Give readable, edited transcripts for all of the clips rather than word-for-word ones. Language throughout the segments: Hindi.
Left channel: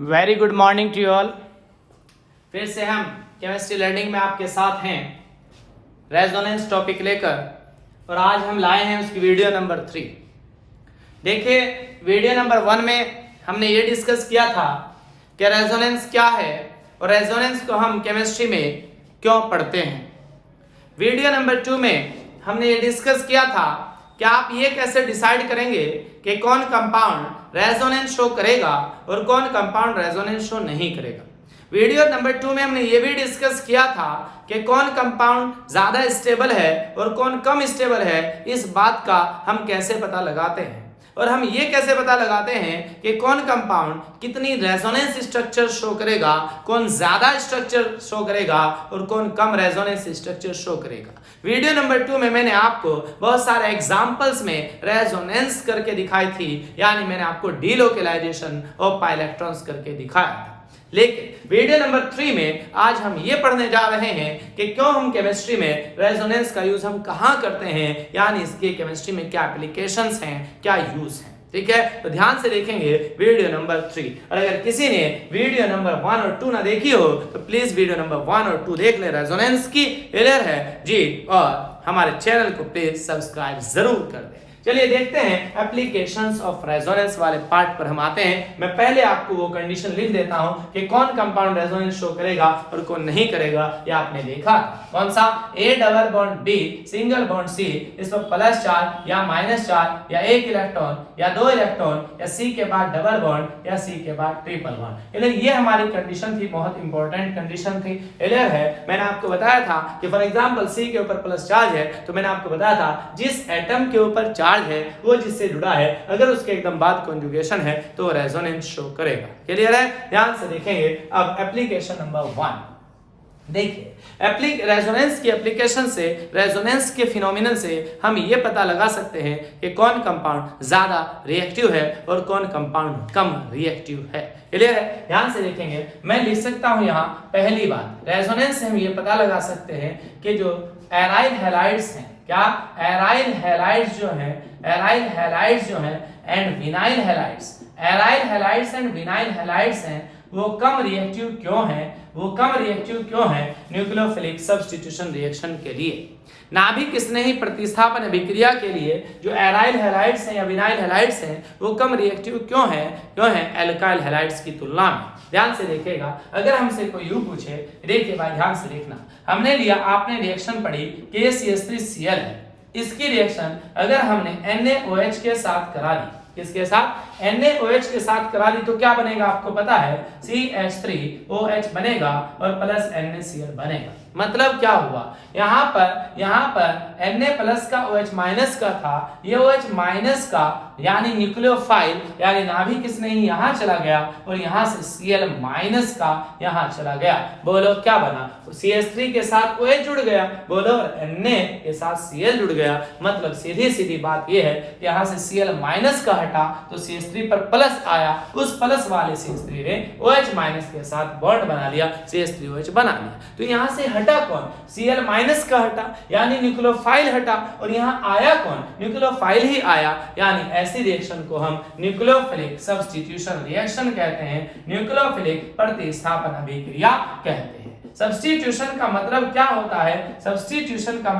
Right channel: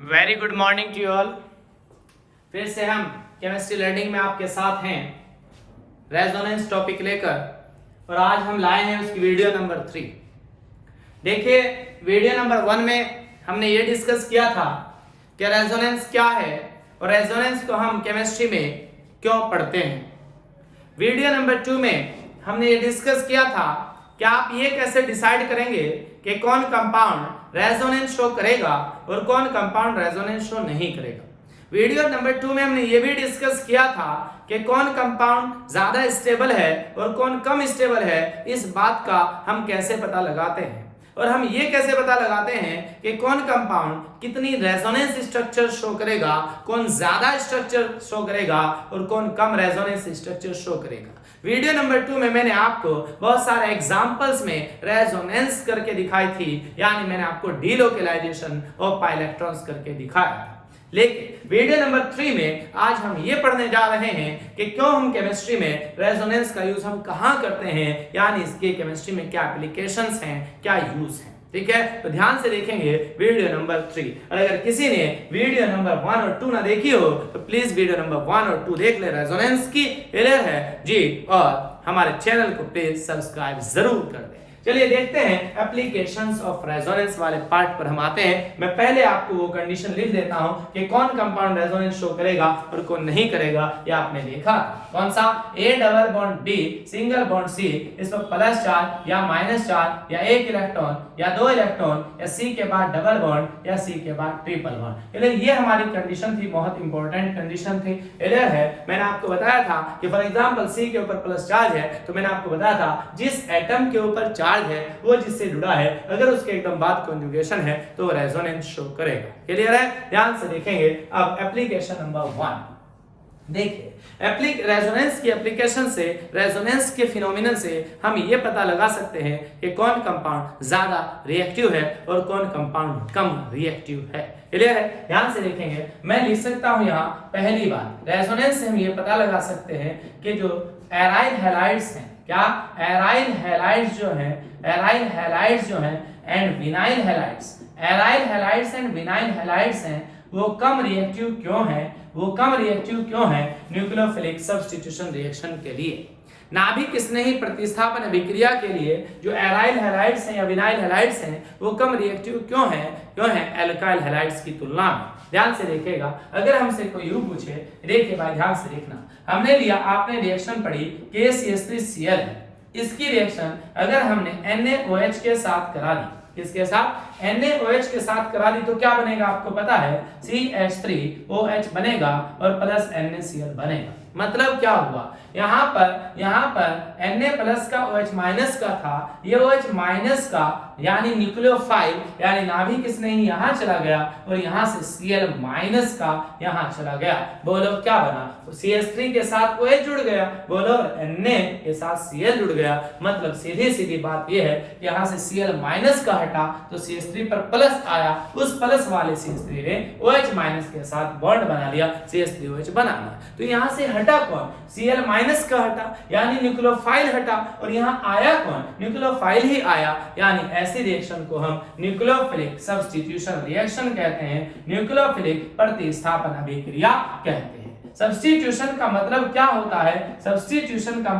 Very good morning to you all. फिर से हम केमिस्ट्री लर्निंग में आपके साथ हैं रेजोनेंस टॉपिक लेकर, और आज हम लाए हैं उसकी वीडियो नंबर 3। देखिए, वीडियो नंबर 1 में हमने ये डिस्कस किया था कि रेजोनेंस क्या है और रेजोनेंस को हम केमिस्ट्री में क्यों पढ़ते हैं। वीडियो नंबर 2 में हमने ये डिस्कस किया था कि आप ये कैसे डिसाइड करेंगे कि कौन कंपाउंड रेजोनेंस शो करेगा और कौन कंपाउंड रेजोनेंस शो नहीं करेगा। वीडियो नंबर 2 में हमने ये भी डिस्कस किया था कि कौन कंपाउंड ज्यादा स्टेबल है और कौन कम स्टेबल है। इस बात का हम कैसे पता लगाते हैं, और हम ये कैसे पता लगाते हैं कि कौन कंपाउंड कितनी रेजोनेंस स्ट्रक्चर शो करेगा, कौन ज्यादा स्ट्रक्चर शो करेगा और कौन कम रेजोनेंस स्ट्रक्चर शो करेगा। वीडियो नंबर 2 में मैंने आपको बहुत सारे एग्जांपल्स में रेजोनेंस करके दिखाई थी, यानी मैंने आपको डीलोकेलाइजेशन ऑफ पाई इलेक्ट्रॉन्स करके दिखाया था। लेकिन वीडियो नंबर 3 में आज हम ये पढ़ने जा रहे हैं कि क्यों हम केमिस्ट्री में रेजोनेंस का यूज हम कहां करते हैं, यानी इसके केमिस्ट्री में क्या एप्लीकेशंस हैं, क्या यूज हैं। ठीक है, तो ध्यान से देखेंगे वीडियो नंबर 3। और अगर किसी ने वीडियो नंबर 1 और 2 ना देखी हो तो प्लीज वीडियो नंबर 1 और 2 देख ले। रेजोनेंस की क्लियर है जी, और हमारे चैनल को प्लीज सब्सक्राइब जरूर कर दें। चलिए देखते हैं एप्लीकेशंस ऑफ रेजोनेंस वाले पार्ट पर हम आते हैं। मैं पहले आपको वो कंडीशन लिख देता हूं कि कौन कंपाउंड रेजोनेंस शो करेगा और कौन नहीं करेगा। ये आपने देखा कौन सा, A double bond B single bond C, इस पर प्लस चार्ज या माइनस चार्ज या एक इलेक्ट्रॉन या दो इलेक्ट्रॉन या C के बाद डबल बॉन्ड या C के बाद ट्रिपल बॉन्ड। ये हमारी कंडीशन थी, बहुत इंपॉर्टेंट कंडीशन थी। क्लियर है, मैंने आपको बताया था कि फॉर एग्जांपल C के ऊपर प्लस चार्ज है, तो मैंने आपको बताया था जिस एटम के ऊपर चार्ज है वो जिससे जुड़ा है, अगर उसके एकदम बाद कॉन्जुगेशन है तो रेजोनेंस शो करेगा। क्लियर है, ध्यान से देखेंगे। अब एप्लीकेशन नंबर 1 देखिए, रेजोनेंस की एप्लीकेशन से, रेजोनेंस के फिनोमिनन से हम ये पता लगा सकते हैं कि कौन कंपाउंड ज्यादा रिएक्टिव है और कौन कंपाउंड कम रिएक्टिव है। क्लियर है, ध्यान से देखेंगे। मैं लिख सकता हूं यहां पहली बात, रेजोनेंस से हम ये पता लगा सकते हैं कि जो एराइल हैलाइड्स हैं, क्या एराइल हैलाइड्स जो है, एराइल हैलाइड्स जो है and vinyl halides, aryl halides and vinyl halides हैं, वो कम रिएक्टिव क्यों है, वो कम रिएक्टिव क्यों है न्यूक्लियोफिलिक सब्स्टिट्यूशन रिएक्शन के लिए। नाभिक स्नेही प्रतिस्थापन अभिक्रिया के लिए जो एराइल हैलाइड्स हैं या विनाइल हैलाइड्स हैं वो कम रिएक्टिव क्यों है एल्काइल हैलाइड्स की तुलना में। ध्यान से देखिएगा, अगर हमसे कोई यूं पूछे, देखिए भाई ध्यान से देखना, हमने लिया, आपने रिएक्शन पढ़ी KCH3Cl है, इसकी रिएक्शन अगर हमने NaOH के साथ करा दी, किसके साथ, NaOH के साथ करा दी, तो क्या बनेगा आपको पता है, CH3OH बनेगा और प्लस NaCl बनेगा। मतलब क्या हुआ, यहाँ पर Na प्लस का OH माइनस का था, ये OH माइनस का यानी न्यूक्लियोफाइल यानी नाभिक स्नेही यहाँ चला गया और यहाँ से Cl माइनस का यहाँ चला गया। बोलो क्या बना, तो CH3 के साथ OH जुड़ गया, बोलो Na के साथ Cl जुड़ गया। मतलब सीधी बात ये है कि यहाँ से Cl माइनस का हटा तो CH3 पर प्लस आया, उस प्लस वाले CH3 ने OH माइनस के साथ बॉन्ड बना लिया, CH3OH बना लिया। तो यहाँ से हटा कौन, Cl माइनस का हटा यानी न्यूक्लियोफाइल हटा, और यहाँ आया कौन, न्यूक्लियोफाइल ही आया, यानी ऐसी रिएक्शन को हम न्यूक्लियोफिलिक सब्स्टिट्यूशन रिएक्शन कहते हैं, न्यूक्लियोफिलिक प्रतिस्थापन अभिक्रिया कहते हैं। सब्स्टिट्यूशन का मतलब क्या होता है, सब्स्टिट्यूशन का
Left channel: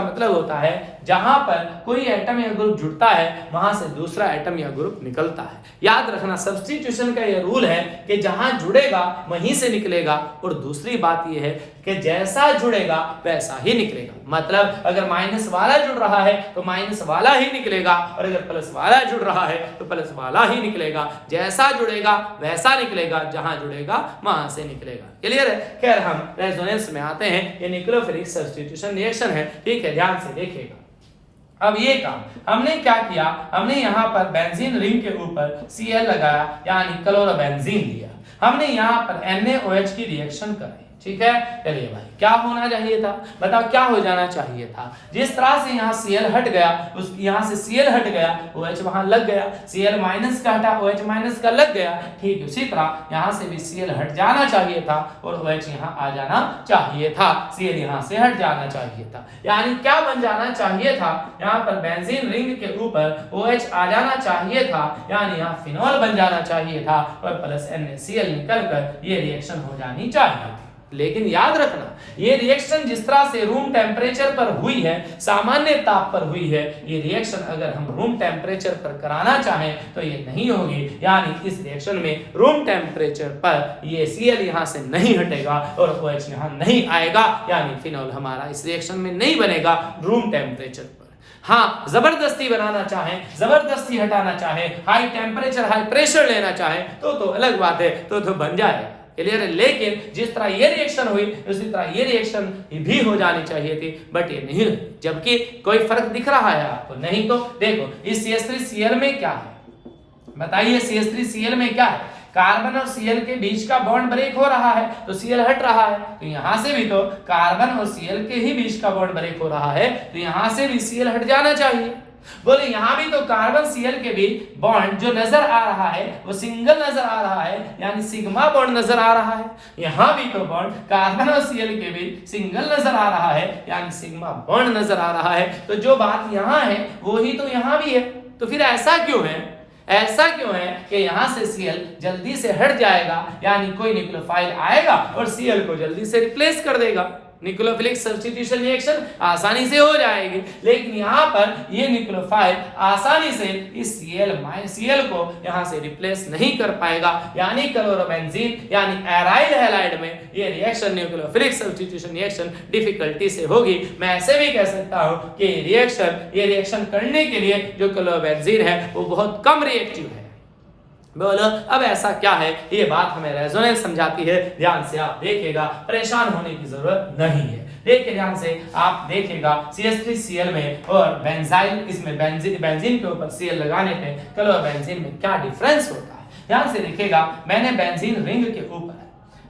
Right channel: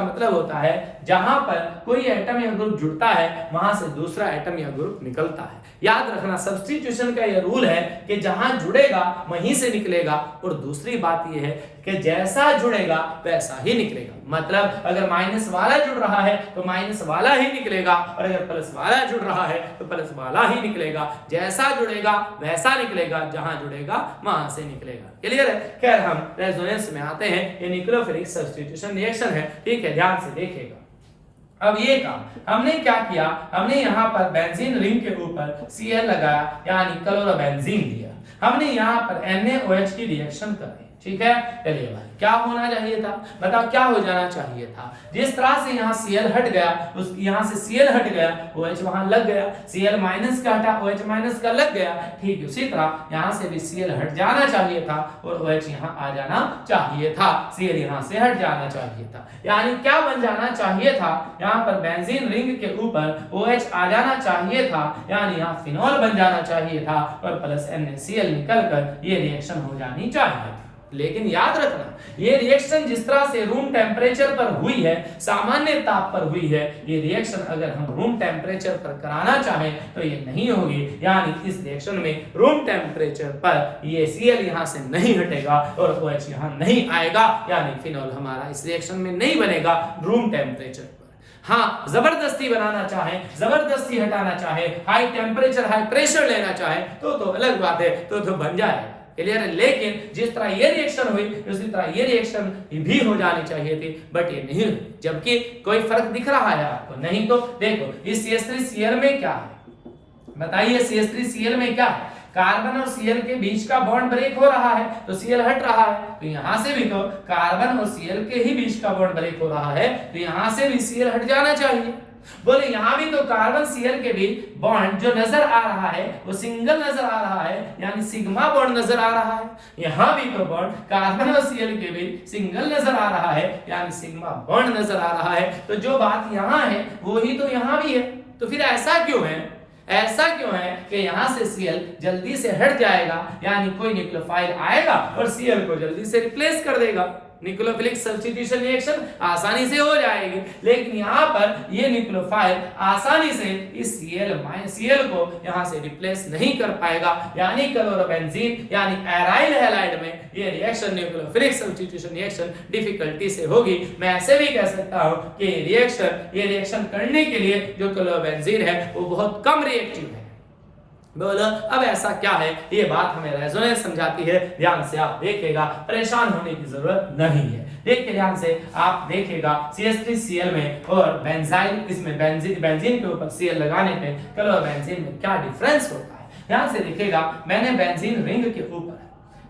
मतलब होता है जहां पर कोई एटम या ग्रुप जुड़ता है वहां से दूसरा एटम या ग्रुप निकलता है। याद रखना, सब्स्टिट्यूशन का यह रूल है कि जहां जुड़ेगा वहीं से निकलेगा, और दूसरी बात यह है कि जैसा जुड़ेगा वैसा ही निकलेगा। मतलब अगर माइनस वाला जुड़ रहा है तो माइनस वाला ही निकलेगा, और अगर प्लस वाला जुड़ रहा है तो प्लस वाला ही निकलेगा। जैसा जुड़ेगा वैसा निकलेगा, जहां जुड़ेगा वहां से निकलेगा। क्लियर है। खैर, हम रेजोनेंस में आते हैं, ये न्यूक्लियोफिलिक सब्स्टिट्यूशन रिएक्शन है। ठीक है, ध्यान से देखिएगा। अब ये काम हमने क्या किया, हमने यहाँ पर बेंजीन रिंग के ऊपर Cl लगाया यानी क्लोरोबेंजीन दिया, हमने यहाँ पर NaOH की रिएक्शन कराई। ठीक है। चलिए भाई क्या होना चाहिए था, बताओ क्या हो जाना चाहिए था। जिस तरह से यहाँ Cl हट गया, उस यहाँ से Cl हट गया, OH वहां लग गया, Cl माइनस का हटा, OH माइनस का लग गया, ठीक उसी तरह यहाँ से भी Cl हट जाना चाहिए था और OH यहाँ आ जाना चाहिए था, Cl यहाँ से हट जाना चाहिए था। यानी क्या बन जाना चाहिए था, यहाँ पर बेंजीन रिंग के ऊपर OH आ जाना चाहिए था, यानी यहाँ फिनॉल बन जाना चाहिए था और प्लस NaCl निकलकर ये रिएक्शन हो जानी चाहिए थी। लेकिन याद रखना, ये रिएक्शन जिस तरह से रूम टेम्परेचर पर हुई है, सामान्य ताप पर हुई है, ये रिएक्शन अगर हम रूम टेम्परेचर पर कराना चाहें तो ये नहीं होगी। यानी इस रिएक्शन में रूम टेम्परेचर पर ये Cl यहाँ से नहीं हटेगा और OH यहाँ नहीं आएगा, यानी फिनॉल हमारा इस रिएक्शन में नहीं बनेगा रूम टेम्परेचर पर। हाँ, जबरदस्ती बनाना चाहे, जबरदस्ती हटाना चाहे, हाई टेम्परेचर हाई प्रेशर लेना चाहे तो अलग बात है, तो बन जाएगा। क्लियर है। लेकिन जिस तरह ये रिएक्शन हुई उसी तरह ये रिएक्शन भी हो जानी चाहिए थी, बट ये नहीं हुई। जबकि कोई फर्क दिख रहा है आपको? नहीं। तो देखो इस CH3Cl में क्या है, बताइए CH3Cl में क्या है, कार्बन और Cl के बीच का बॉन्ड ब्रेक हो रहा है तो Cl हट रहा है, तो यहां से भी तो कार्बन और Cl के ही बीच का बॉन्ड ब्रेक हो रहा है, तो यहां से भी Cl हट जाना चाहिए। बोले यहां भी तो कार्बन Cl के बीच बॉन्ड जो नजर आ रहा है वो सिंगल नजर आ रहा है, यानी सिग्मा बॉन्ड नजर आ रहा है। यहां भी तो बॉन्ड कार्बन और Cl के बीच सिंगल नजर आ रहा है, यानी सिग्मा बॉन्ड नजर आ रहा है। तो जो बात यहां है वही तो यहां भी है। तो फिर ऐसा क्यों है, ऐसा क्यों है कि यहां से Cl जल्दी से हट जाएगा, यानी कोई न्यूक्लियोफाइल आएगा और Cl को जल्दी से रिप्लेस कर देगा, न्यूक्लियोफिलिक सब्स्टिट्यूशन रिएक्शन आसानी से हो जाएगी। लेकिन यहाँ पर ये न्यूक्लियोफाइल आसानी से इस Cl को यहाँ से रिप्लेस नहीं कर पाएगा, यानी क्लोरोबेंजीन यानी एराइल हैलाइड में ये reaction nucleophilic substitution reaction difficulty से होगी। मैं ऐसे भी कह सकता हूँ कि ये रिएक्शन करने के लिए जो क्लोरोबेंजीन है वो बहुत कम रिएक्टिव है। बोलो अब ऐसा क्या है, ये बात हमें रेजोनेंस समझाती है। ध्यान से आप देखिएगा, परेशान होने की जरूरत नहीं है। देखिए ध्यान से आप देखिएगा CH3Cl में और बेंजाइल, इसमें बेंजीन के ऊपर Cl लगाने पे क्लोरोबेंजीन में क्या डिफरेंस होता है। ध्यान से देखिएगा, मैंने बेंजीन रिंग के ऊपर,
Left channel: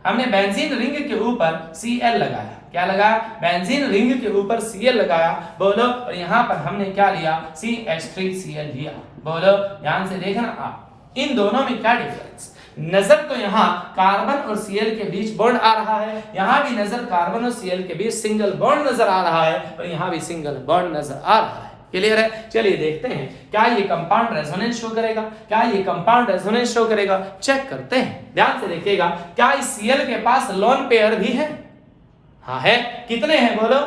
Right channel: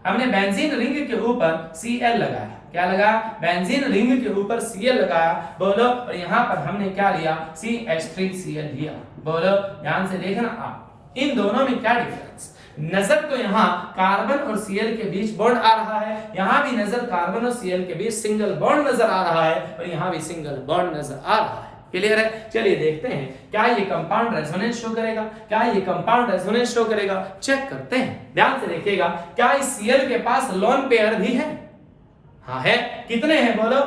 हमने बेंजीन रिंग के ऊपर Cl लगाया, क्या लगाया, बेंजीन रिंग के ऊपर Cl लगाया, बोलो, और यहाँ पर हमने क्या लिया, CH3Cl लिया। बोलो ध्यान से देखना आप, इन दोनों में क्या डिफरेंस, नजर तो यहाँ कार्बन और Cl के बीच बॉन्ड आ रहा है, यहाँ भी नजर कार्बन और Cl के बीच सिंगल बॉन्ड नजर आ रहा है और यहाँ भी सिंगल बॉन्ड नजर आ रहा है। क्लियर है। चलिए देखते हैं क्या ये कंपाउंड रेजोनेंस शो करेगा, क्या ये कंपाउंड रेजोनेंस शो करेगा, चेक करते हैं। ध्यान से देखिएगा, क्या इस Cl के पास लोन पेयर भी है? हाँ है। कितने हैं बोलो,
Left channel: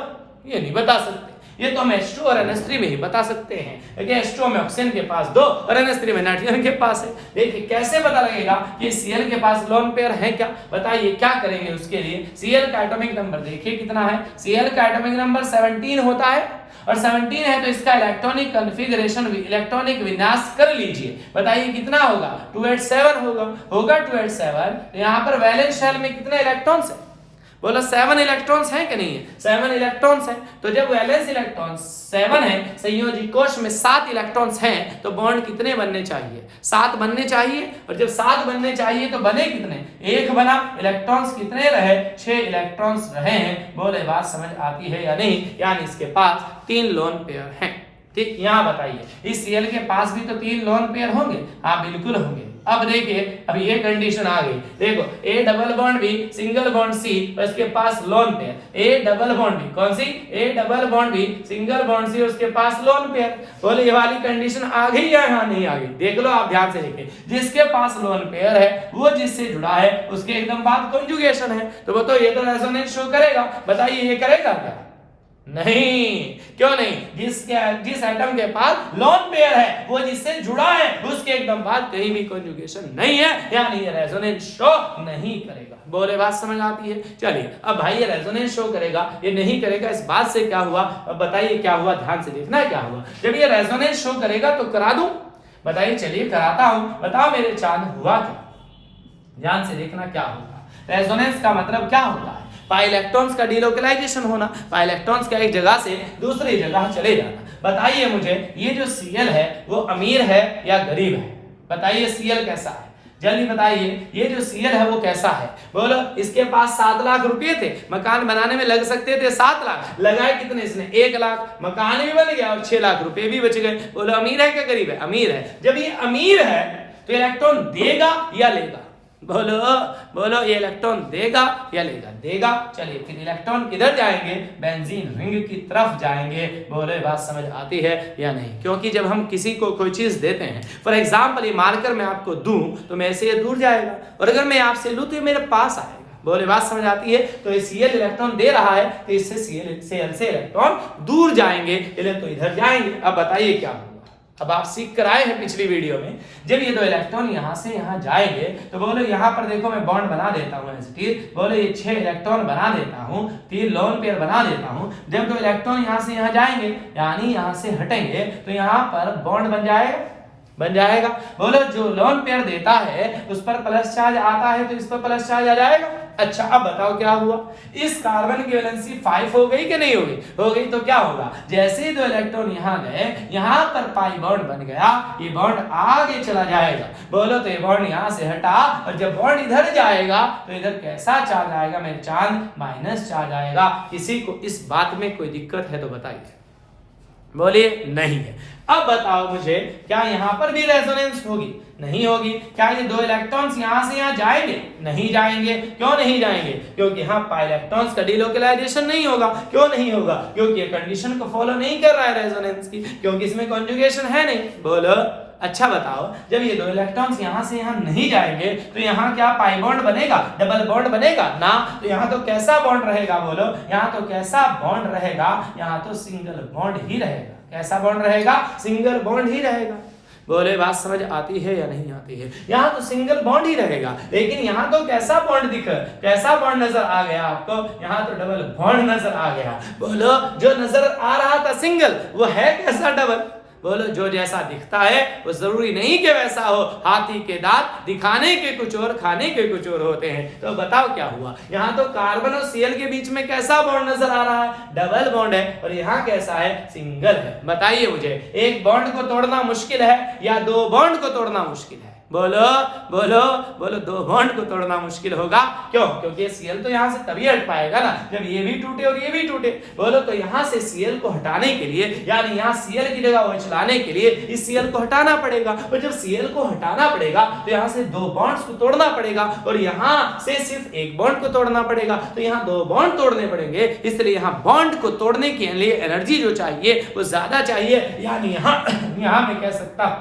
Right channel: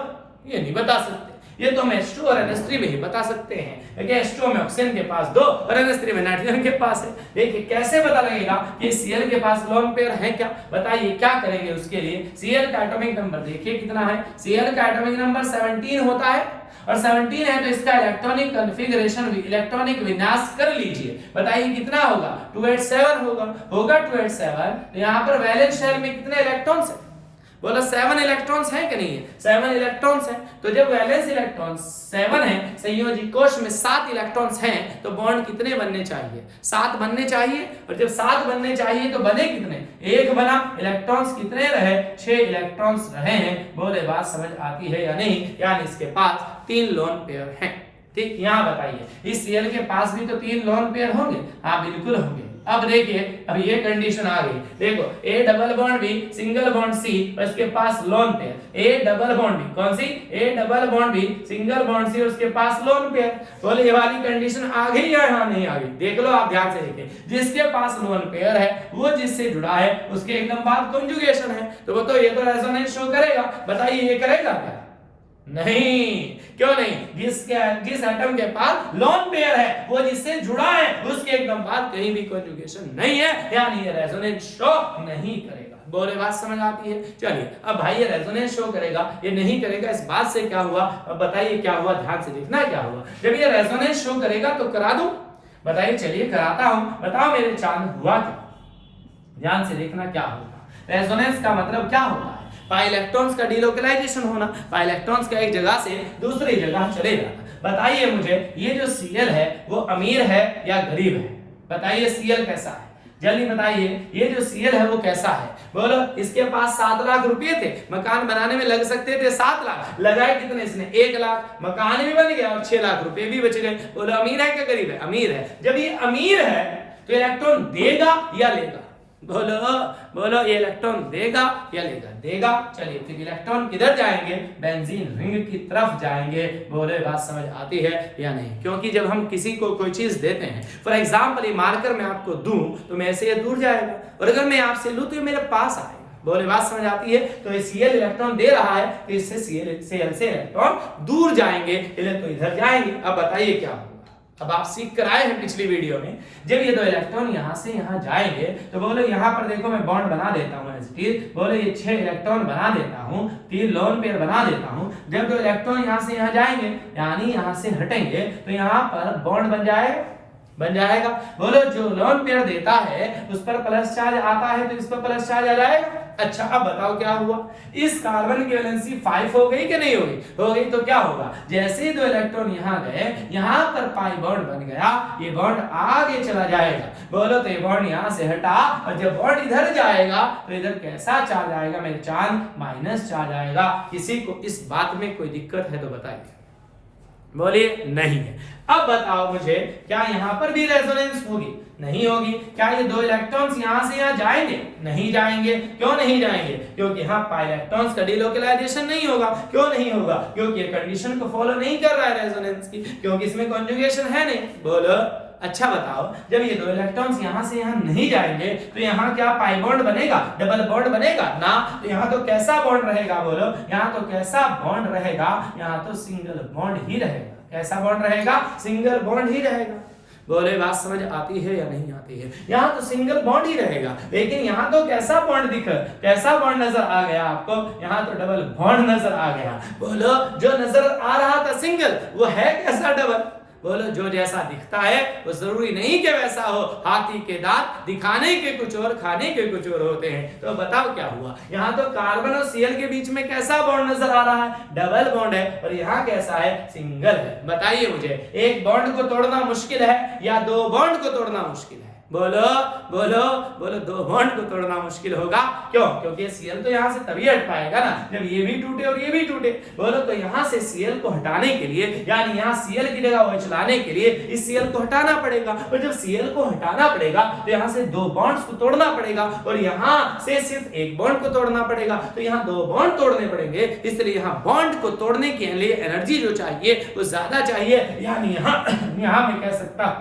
ये नहीं बता सकते, ये तो हम H2 और NH3 में ही बता सकते हैं। देखिए H2 में ऑक्सीजन के पास 2 और NH3 में नाइट्रोजन के पास है। देखिए कैसे पता लगेगा कि Cl के पास लोन पेयर है क्या, बताइए क्या करेंगे उसके लिए। Cl का एटॉमिक नंबर देखिए कितना है, Cl का एटॉमिक नंबर 17 होता है और 17 है तो इसका इलेक्ट्रॉनिक कॉन्फ़िगरेशन, इलेक्ट्रॉनिक विन्यास कर लीजिए, बताइए कितना होगा, 287 होगा 287। यहाँ पर वैलेंस शेल में कितने इलेक्ट्रॉन्स है, बोलो 7 इलेक्ट्रॉन्स हैं कि नहीं है, 7 इलेक्ट्रॉन्स हैं। तो जब वैलेंस इलेक्ट्रॉन 7 है, संयोजी कोश में 7 इलेक्ट्रॉन्स हैं, तो बॉन्ड कितने बनने चाहिए, 7 बनने चाहिए। और जब 7 बनने चाहिए तो बने कितने, 1 बना, इलेक्ट्रॉन्स कितने रहे, 6 इलेक्ट्रॉन्स रहे हैं। बोले बात समझ आती है या नहीं, यानी इसके पास 3 लोन पेयर हैं। ठीक, यहाँ बताइए इस Cl के पास भी तो 3 लोन पेयर होंगे, हाँ बिल्कुल होंगे। अब देखिए अब ये कंडीशन आ गई, देखो A double bond B single bond C और इसके पास lone pair, A double bond B कौन सी, A double bond B single bond C उसके पास लोन पेयर। बोले ये वाली कंडीशन आ गई या यहाँ नहीं आ गई, देख लो आप ध्यान से देखिए, जिसके पास लोन पेयर है वो जिससे जुड़ा है उसके एकदम बाद कॉन्जुगेशन है, तो वो तो ये तो रेजोनेंस शो करेगा। बताइए ये करेगा क्या, नहीं, क्यों नहीं, जिस एटम के पास लोन पेयर है वो जिससे जुड़ा है उसके एकदम बाद कहीं भी कॉन्जुगेशन नहीं है, यानी ये रेजोनेंस शो नहीं करेगा। बोले बात समझ आती है। चलिए अब भाई ये रेजोनेंस शो करेगा, ये नहीं करेगा, इस बात से क्या हुआ, अब बताइए क्या हुआ, ध्यान से देखना क्या हुआ। जब ये रेजोनेंस शो करेगा तो करा दूं, बताइए, चलिए कराता हूं, बताओ मेरे चांद हुआ क्या, ध्यान से देखना क्या होगा। रेजोनेंस का मतलब क्या होता है, पाई इलेक्ट्रॉन्स का डिलोकलाइजेशन होना, पाई इलेक्ट्रॉन्स का एक जगह से दूसरी जगह चले जाना। बताइए मुझे ये जो Cl है वो अमीर है या गरीब है, बताइए Cl कैसा है, जल्दी बताइए ये जो Cl है वो कैसा है? बोलो, इसके पास 7 लाख रुपए थे, मकान बनाने में लग सकते थे 7 लाख, लगाए कितने इसने? 1 लाख, मकान भी बन गया और 6 लाख रुपए भी बच गए। बोलो अमीर है क्या गरीब है? अमीर है। जब ये अमीर है तो इलेक्ट्रॉन देगा या लेगा? बोलो बोलो, ये इलेक्ट्रॉन देगा या लेगा? देगा। चलिए फिर इलेक्ट्रॉन किधर जाएंगे? बेंजीन रिंग की तरफ जाएंगे। बोलो ये बात समझ आती है या नहीं? क्योंकि जब हम किसी को कोई चीज देते हैं, फॉर एग्जाम्पल ये मार्कर मैं आपको दूं तो मैं से ये दूर जाएगा, और अगर मैं आपसे लूं तो ये मेरे पास आएगा। बोले बात समझ आती है? तो ये Cl इलेक्ट्रॉन दे रहा है तो इससे Cl से इलेक्ट्रॉन दूर जाएंगे, तो इधर जाएंगे। अब बताइए क्या होगा? अब आप सीख कर आए हैं पिछली वीडियो में, जब ये 2 इलेक्ट्रॉन यहां से यहां जाएंगे तो बोलो यहां पर देखो मैं बॉन्ड बना देता हूं ऐसे, बोलो ये 6 इलेक्ट्रॉन बना देता हूं, 3 लोन पेयर बना देता हूं। जब 2 इलेक्ट्रॉन यहां से यहां जाएंगे यानी यहां से हटेंगे तो यहां पर बॉन्ड बन जाएगा। बोलो जो लोन पेयर देता है उस पर प्लस चार्ज आता है तो इस पर प्लस चार्ज आ जाएगा। अच्छा अब बताओ क्या हुआ? इस कार्बन की वैलेंसी 5 हो गई कि नहीं हो गई? हो गई। तो क्या होगा? जैसे ही 2 इलेक्ट्रॉन यहां गए, यहां पर पाई बॉन्ड बन गया, ये बॉन्ड आगे चला जाएगा। बोलो तो ये बॉन्ड यहां से हटा, और जब बॉन्ड इधर जाएगा तो इधर कैसा चार्ज आएगा मेरे चांद? माइनस चार्ज आएगा। किसी को इस बात में कोई दिक्कत है तो बताइए? बोलिए नहीं है। अब बताओ मुझे, क्या यहां पर भी रेजोनेंस होगी? नहीं होगी। क्या ये 2 इलेक्ट्रॉन्स यहां से यहां जाएंगे? नहीं जाएंगे। क्यों नहीं जाएंगे? क्योंकि यहां पाई इलेक्ट्रॉन्स का डिलोकलाइजेशन नहीं होगा। क्यों नहीं होगा? क्योंकि ये कंडीशन को फॉलो नहीं कर रहा है रेजोनेंस की, क्योंकि इसमें कॉन्जुगेशन है नहीं। बोलो अच्छा बताओ, जब ये 2 इलेक्ट्रॉन्स यहां से यहां नहीं जाएंगे तो यहां क्या पाई बॉन्ड बनेगा? डबल बॉन्ड बनेगा ना? तो यहां तो कैसा बॉन्ड रहेगा? बोलो यहां तो कैसा बॉन्ड रहेगा? यहां तो सिंगल बॉन्ड ही रहेगा। कैसा बॉन्ड रहेगा? सिंगल बॉन्ड ही रहेगा। बोले बात समझ आती है या नहीं आती है? यहाँ तो सिंगल बॉन्ड ही रहेगा, लेकिन यहाँ तो कैसा बॉन्ड कैसा बॉन्ड नजर आ गया आपको? यहाँ तो डबल बॉन्ड नजर आ गया। बोलो जो नजर आ रहा था सिंगल, वो है कैसा? डबल। बोलो जो जैसा दिखता है वो जरूरी नहीं कि वैसा हो। हाथी के दांत दिखाने के कुछ और, खाने के कुछ और होते हैं। तो बताओ क्या हुआ? यहाँ तो कार्बन और Cl के बीच में कैसा बॉन्ड नजर आ रहा है? डबल बॉन्ड है। और यहाँ कैसा है? सिंगल है। बताइए मुझे, एक बॉन्ड को तोड़ना मुश्किल है या 2 बॉन्ड को तोड़ना मुश्किल है? बोलो बोलो बोलो, 2 बॉन्ड को तोड़ना मुश्किल होगा। क्यों? क्योंकि Cl तो यहाँ से तभी हट पाएगा ना जब ये भी टूटे और ये भी टूटे। बोलो तो यहाँ से Cl को हटाने के लिए, यानी यहाँ Cl की जगह OH लाने के लिए इस Cl को हटाना पड़ेगा, और जब Cl को हटाना पड़ेगा तो यहाँ से 2 बॉन्ड्स को तोड़ना पड़ेगा, और यहाँ से सिर्फ 1 बॉन्ड को तोड़ना पड़ेगा। तो यहाँ 2 बॉन्ड तोड़ने पड़ेंगे, इसलिए यहाँ बॉन्ड को तोड़ने के लिए एनर्जी जो चाहिए वो ज्यादा चाहिए। यानी यहाँ मैं कह सकता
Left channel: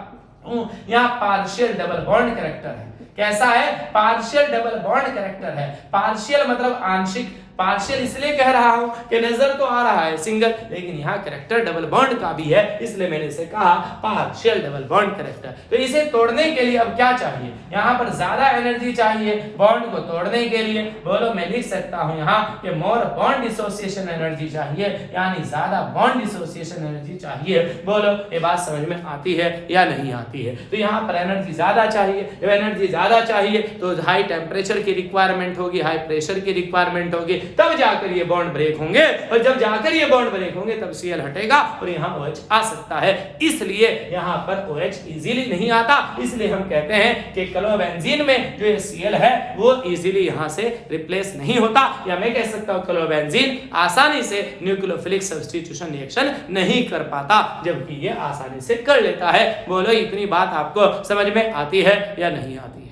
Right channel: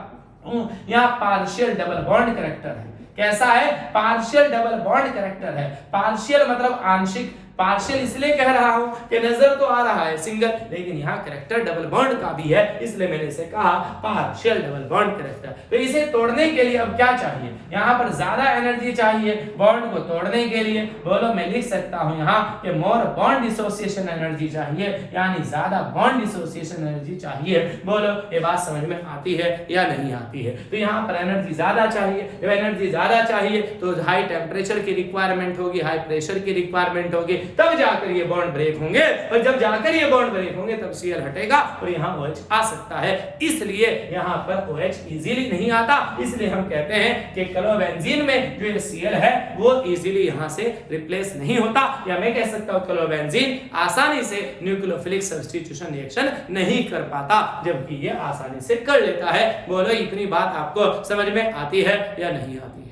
यहाँ पार्शियल डबल बॉन्ड कैरेक्टर है। कैसा है? पार्शियल डबल बॉन्ड कैरेक्टर है। पार्शियल मतलब आंशिक, पार्शियल इसलिए कह रहा हूं कि नजर तो आ रहा है सिंगल, लेकिन यहाँ कैरेक्टर डबल बॉन्ड का भी है, इसलिए मैंने इसे कहा पार्शियल डबल बॉन्ड कैरेक्टर। तो इसे तोड़ने के लिए अब क्या चाहिए? यहाँ पर ज्यादा एनर्जी चाहिए बॉन्ड को तोड़ने के लिए। बोलो मैं लिख सकता हूं यहाँ कि मोर बॉन्ड डिसोसिएशन एनर्जी चाहिए, यानी ज्यादा बॉन्ड डिसोसिएशन एनर्जी चाहिए। बोलो ये बात समझ में आती है या नहीं आती है? तो यहाँ पर एनर्जी ज्यादा चाहिए। जब एनर्जी ज्यादा चाहिए तो हाई टेम्परेचर की रिक्वायरमेंट होगी, हाई प्रेशर की रिक्वायरमेंट होगी, तब जाकर ये बॉन्ड ब्रेक होंगे, और जब जाकर ये बॉन्ड ब्रेक होंगे तब Cl हटेगा और यहाँ OH आ सकता है। इसलिए यहाँ पर OH इजीली नहीं आता, इसलिए हम कहते हैं कि क्लोरोबेंजीन में जो ये Cl है वो इजीली यहाँ से रिप्लेस नहीं होता, या मैं कह सकता हूँ क्लोरोबेंजीन आसानी से न्यूक्लियोफिलिक सब्स्टिट्यूशन रिएक्शन नहीं कर पाता, जबकि ये आसानी से कर लेता है। बोलो इतनी बात आपको समझ में आती है या नहीं आती है?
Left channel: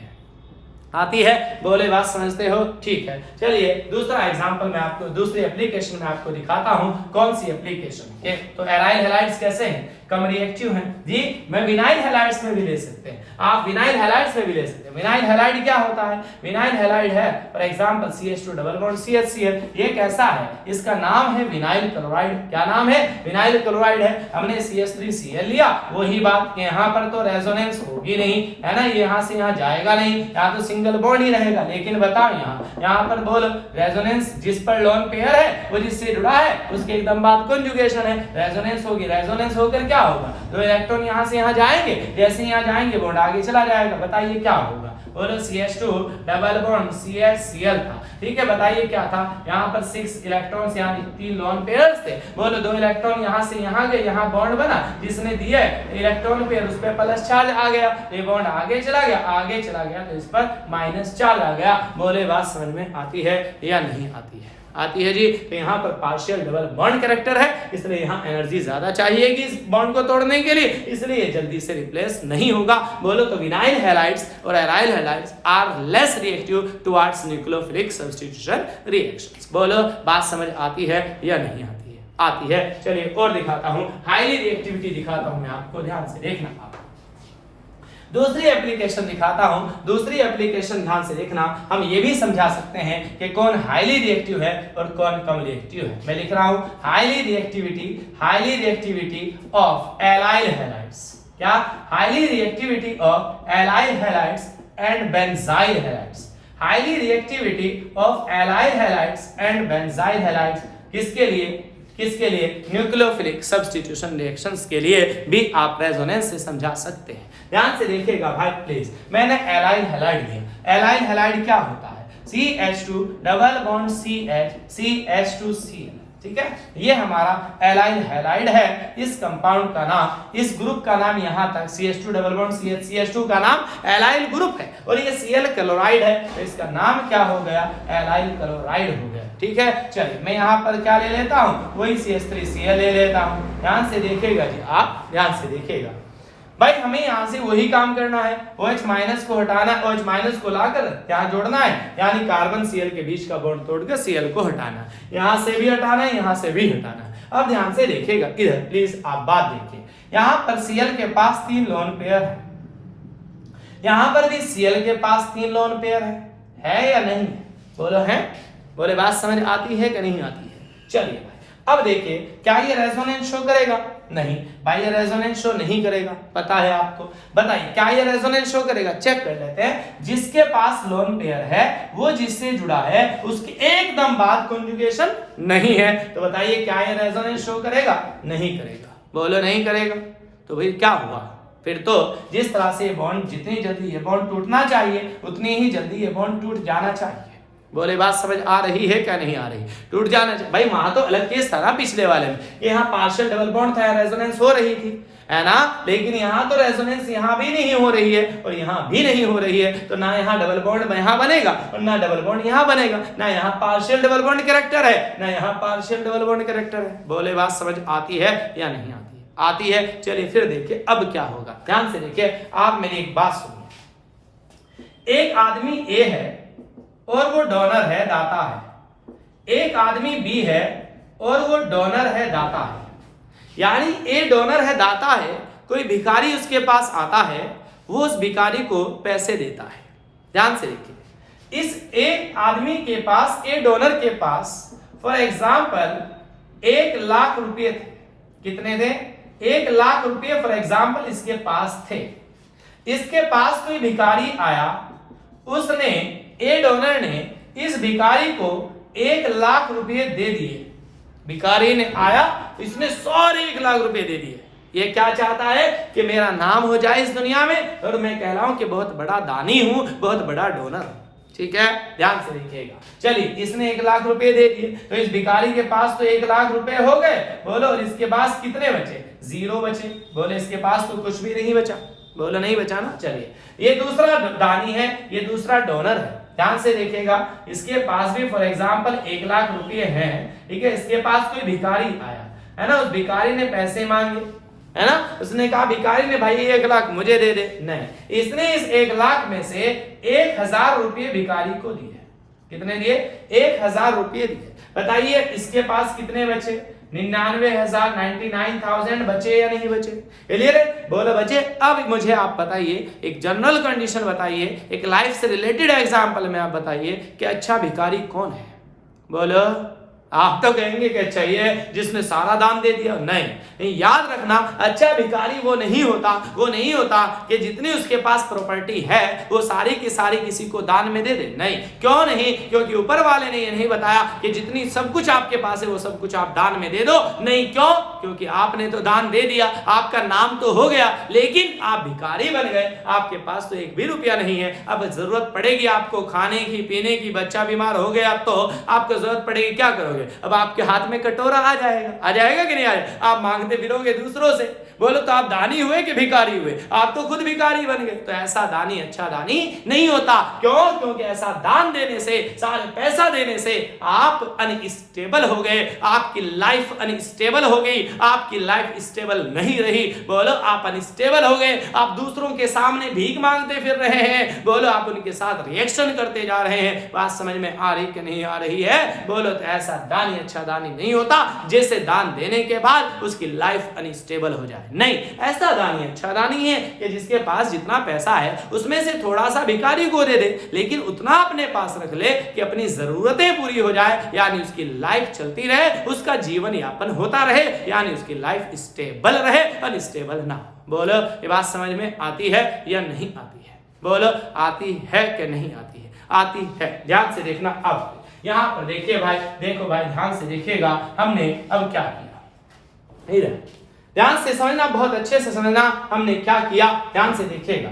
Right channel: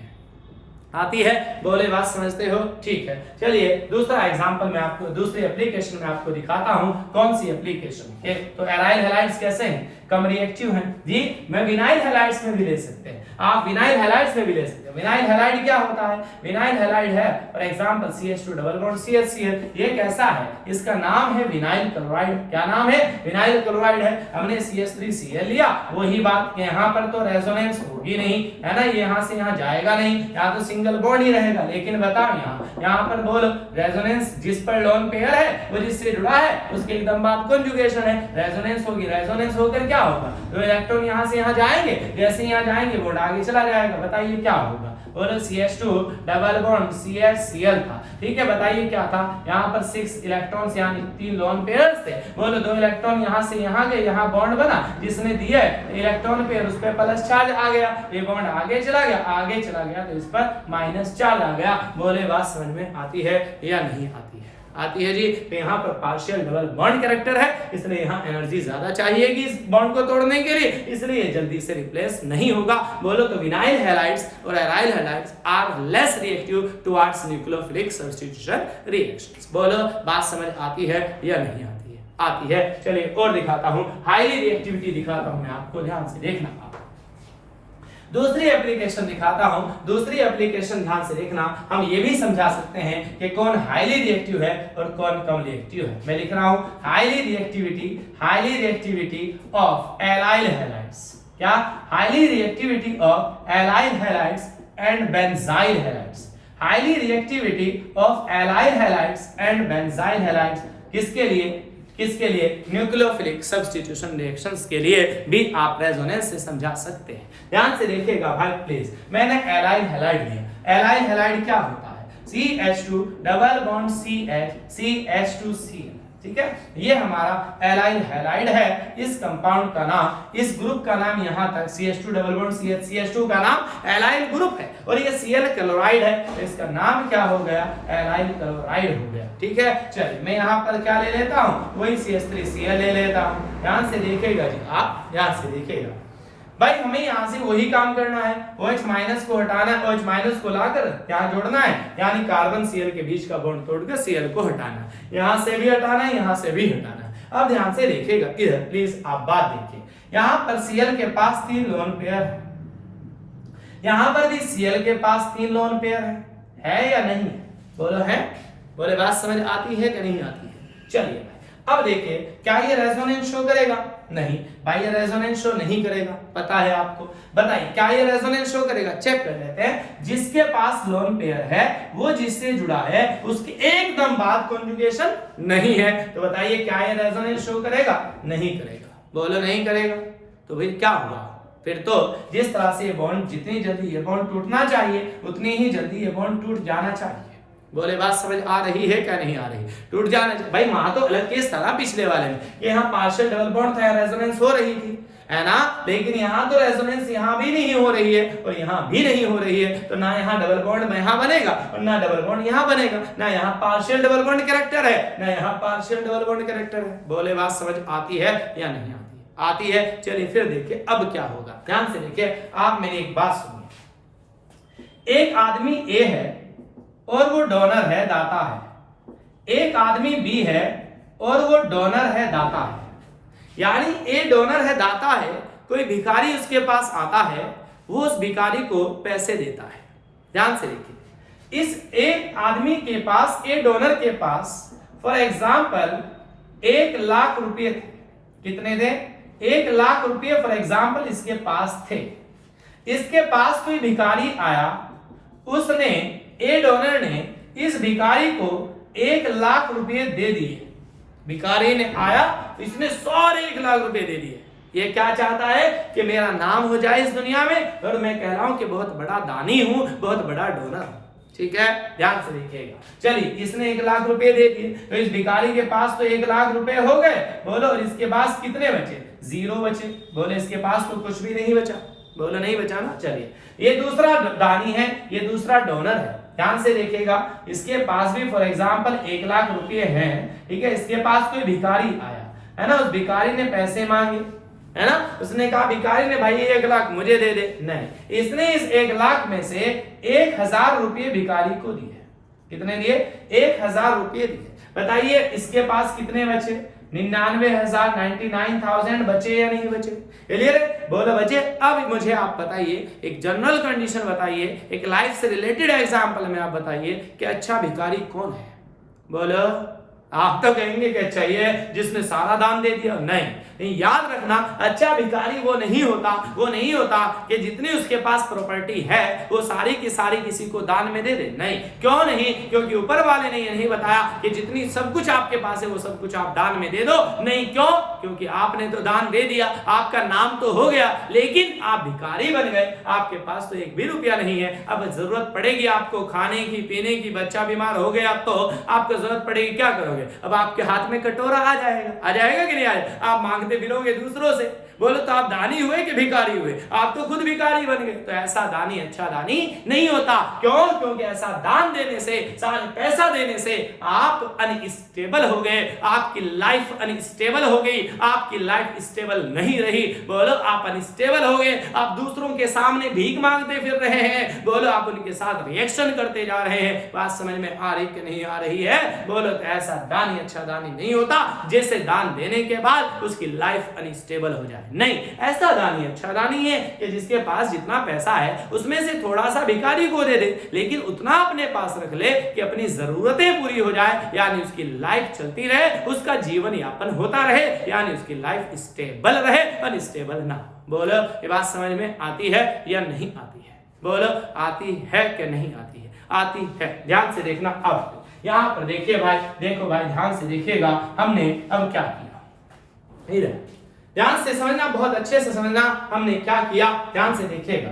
आती है। बोले बात समझते हो? ठीक है। चलिए दूसरा एग्जांपल मैं आपको, दूसरी एप्लीकेशन में आपको दिखाता हूं। कौन सी एप्लीकेशन? तो एराइल हैलाइड्स कैसे हैं? कम रिएक्टिव हैं जी। मैं विनाइल हैलाइड्स में भी ले सकते हैं, आप विनाइल हैलाइड्स में भी ले सकते हैं। विनाइल हैलाइड क्या होता है? विनाइल हैलाइड है for example CH2 double bond CHCl। ये कैसा है? इसका नाम है विनाइल क्लोराइड। क्या नाम है? विनाइल क्लोराइड है। हमने CH3Cl लिया, वही बात कि यहाँ पर तो रेजोनेंस होगी नहीं, है ना? यहाँ से यहाँ जाएगा नहीं, यहाँ तो सिंगल बॉन्ड ही रहेगा। लेकिन बताओ यहाँ पर बोलो रेजोनेंस जिस पर लोन पेयर है वो जिससे जुड़ा है उसके एकदम बाद कॉन्जुगेशन है, रेजोनेंस होगी। रेजोनेंस होकर क्या क्या होगा, दो इलेक्ट्रॉन यहाँ से यहाँ जाएंगे, जैसे यहाँ जाएंगे बॉन्ड आगे चला जाएगा, बताइए क्या होगा। बोलो CH2 डबल बॉन्ड CH था, ठीक है। बताइए क्या था, यहाँ पर 6 इलेक्ट्रॉन्स यानी 3 लोन पेयर्स थे। बोलो दो इलेक्ट्रॉन यहाँ से यहाँ गए, यहाँ बॉन्ड बना, जिसने दिए इलेक्ट्रॉन पेयर उस पर प्लस चार्ज आ गया, ये बॉन्ड आगे चला गया तो इस पर माइनस चार्ज आ गया। बोले बात समझ में आती है या नहीं आती है? आती है जी। तो यहाँ पर पार्शियल डबल बॉन्ड कैरेक्टर है, इसलिए यहाँ एनर्जी ज्यादा चाहिएगी इस बॉन्ड को तोड़ने के लिए, इसलिए जल्दी से रिप्लेस नहीं होगा। बोलो तो विनाइल हैलाइड्स और aryl halides are less reactive towards nucleophilic substitution reactions. बोलो बात समझ आती है या नहीं आती है? आती है। चलिए और दिखाता हूँ, हाईली रिएक्टिविटी दिखाता हूँ मैं आपको, ध्यान से देखना आप। दूसरी एप्लीकेशन दिखाता हूं, दूसरी एप्लीकेशन ध्यान से देखना। हम ये भी समझा सकते हैं कि कौन हाईली रिएक्टिव है और कौन कम रिएक्टिव है। मैं लिख रहा हूं highly reactivity of allyl halides. क्या? Highly reactivity of allyl halides and benzyl halides. Highly reactivity of allyl halides and benzyl halides किसके लिए? न्यूक्लियोफिलिक सब्स्टिट्यूशन रिएक्शंस के लिए भी आप रेजोनेंस से समझा सकते हैं। ध्यान से देखिएगा भाई प्लीज। मैंने एलाइल हैलाइड लिया। एलाइल हैलाइड क्या होता है? CH2 डबल बॉन्ड CH2Cl, ठीक है। ये हमारा एलाइल हैलाइड है। इस कंपाउंड का नाम, इस ग्रुप का नाम यहाँ तक CH2 डबल बॉन्ड CH2 का नाम एलाइल ग्रुप है और ये Cl क्लोराइड है, तो इसका नाम क्या हो गया? एलाइल क्लोराइड हो गया, ठीक है। चलिए मैं यहाँ पर क्या ले लेता हूँ, वही CH3Cl ले लेता हूँ। ध्यान से देखिएगा जी, आप ध्यान से देखिएगा भाई, हमें यहाँ से वही काम करना है, OH माइनस को हटाना है, OH माइनस को लाकर यहाँ जोड़ना है, यानी कार्बन Cl के बीच का बॉन्ड तोड़कर Cl को हटाना है। यहाँ से भी हटाना है, यहाँ से भी हटाना है। अब ध्यान से देखिएगा इधर, प्लीज आप बात देखिए। यहाँ पर Cl के पास 3 लोन पेयर है, यहाँ पर भी Cl के पास 3 लोन पेयर है या नहीं? बोलो है? बोले बात समझ आती है कि नहीं आती है? चलिए भाई अब देखिए, क्या ये रेजोनेंस शो करेगा? नहीं भाई, ये रेजोनेंस शो नहीं करेगा, पता है आपको। बताइए क्या ये रेजोनेंस शो करेगा? चेक कर लेते हैं। जिसके पास लोन पेयर है वो जिससे जुड़ा है उसके एकदम बाद कॉन्जुगेशन नहीं है, तो बताइए क्या ये रेजोनेंस शो करेगा? नहीं करेगा। बोलो नहीं करेगा। तो भाई क्या हुआ फिर? तो जिस तरह से बॉन्ड, जितनी जल्दी ये बॉन्ड टूटना चाहिए उतनी ही जल्दी ये बॉन्ड टूट जाना चाहिए। बोले बात समझ आ रही है क्या नहीं आ रही? टूट जाना चाहिए भाई। वहां तो अलग केस था ना पिछले वाले में, यहाँ पार्शियल डबल बॉन्ड था, रेजोनेंस हो रही थी, है ना। लेकिन यहाँ तो रेजोनेंस यहाँ भी नहीं हो रही है और यहाँ भी नहीं हो रही है, तो ना यहाँ डबल बॉन्ड यहाँ बनेगा और ना डबल बॉन्ड यहाँ बनेगा, ना यहाँ पार्शियल डबल बॉन्ड कैरेक्टर है, ना यहाँ पार्शियल डबल बॉन्ड कैरेक्टर है। बोले बात समझ आती है या नहीं आती? आती है। चलिए फिर देखिए अब क्या होगा, ध्यान से देखिए। आप मेरी एक बात सुनिए। एक आदमी ए है और वो डोनर है, दाता है। एक आदमी बी है और वो डोनर है, दाता है। यानी ए डोनर है, दाता है, कोई भिखारी उसके पास आता है, वो उस भिखारी को पैसे देता है। ध्यान से देखिए, इस एक आदमी के पास, ए डोनर के पास फॉर एग्जाम्पल 1 लाख रुपए थे। कितने थे? 1 लाख रुपए फॉर एग्जाम्पल इसके पास थे। इसके पास कोई भिखारी आया, उसने, ए डोनर ने इस भिखारी को 1 लाख रुपए दे दिए। भिखारी ने आया, इसने सारे 1 लाख रुपए दे दिए। ये क्या चाहता है कि मेरा नाम हो जाए इस दुनिया में और मैं कहलाऊं कि बहुत बड़ा दानी हूं, बहुत बड़ा डोनर हूं। ठीक है, ध्यान से देखिएगा। चलिए, इसने 1 लाख रुपए दे दिए, तो इस भिखारी के पास तो 1 लाख रुपए हो गए। बोलो, और इसके पास कितने बचे? 0 बचे। बोले इसके पास तो कुछ भी नहीं बचा। बोलो नहीं बचा ना। चलिए, ये दूसरा दानी है, ये दूसरा डोनर है। ध्यान से देखिएगा, इसके पास भी फॉर एग्जाम्पल 1 लाख रुपए हैं। ठीक है, इसके पास कोई भिखारी आया, है ना। उस भिखारी ने पैसे मांगे, है ना। उसने कहा भिखारी ने, भाई 1 लाख मुझे दे दे। नहीं, इसने इस 1 लाख में से 1000 रुपये भिखारी को दिए। कितने दिए? 1000 रुपये दिए। बताइए इसके पास कितने बचे? 99,000 बचे या नहीं बचे? क्लियर है? बोलो बचे। अब मुझे आप बताइए, एक जनरल कंडीशन बताइए, एक लाइफ से रिलेटेड एग्जांपल में आप बताइए कि अच्छा भिखारी कौन है? बोलो आप तो कहेंगे कि अच्छा ये जिसने सारा दान दे दिया। नहीं, याद रखना, अच्छा भिखारी वो नहीं होता कि जितनी उसके पास प्रॉपर्टी है वो सारी की सारी किसी को दान में दे दे। नहीं, क्यों नहीं? क्योंकि ऊपर वाले ने ये नहीं बताया कि जितनी सब कुछ आपके पास है वो सब कुछ आप दान में दे दो। नहीं, क्यों? क्योंकि आपने तो दान दे दिया, आपका नाम तो हो गया, लेकिन आप भिखारी बन गए, आपके पास तो एक भी रुपया नहीं है। अब जरूरत पड़ेगी आपको खाने की, पीने की, बच्चा बीमार हो गया तो आपको जरूरत पड़ेगी, क्या करोगे? अब आपके हाथ में कटोरा आ जाएगा कि नहीं आएगा? आप मांगते फिरोगे दूसरों से। बोलो तो आप दानी हुए कि भिखारी हुए? आप तो खुद भिखारी बन गए। तो ऐसा दानी अच्छा दानी नहीं होता। क्यों? क्योंकि ऐसा दान देने से, सारे पैसा देने से आप अनस्टेबल हो गए, आपकी लाइफ अनस्टेबल हो गई, आपकी लाइफ स्टेबल नहीं रही। बोलो आप अनस्टेबल हो गए, आप दूसरों के सामने भीख मांगते फिर रहे हैं। बोलो आप उनके साथ रिएक्शन करते जा रहे हैं। बात समझ में आ रही कि नहीं आ रही है? बोलो तो ऐसा दानी अच्छा दानी नहीं होता जैसे दान देने के बाद उसकी लाइफ अनस्टेबल हो जाए। नहीं, ऐसा दानी अच्छा दानी है कि जिसके पास जितना पैसा है उसमें से थोड़ा सा भिखारी को दे दे, लेकिन उतना अपने पास रख ले कि अपनी जरूरतें पूरी हो जाए, यानी उसकी लाइफ चलती रहे, उसका जीवन यापन होता रहे, यानी उसकी लाइफ स्टेबल रहे, अनस्टेबल ना। बोलो ये बात समझ में आती है या नहीं आती है? बोलो आती है कि नहीं आती है? आती है। ध्यान से देखना। अब यहां पर देखिए भाई, देखो भाई ध्यान से देखिएगा, हमने अब क्या किया, ध्यान से समझना, बहुत अच्छे से समझना हमने क्या किया। ध्यान से देखिएगा,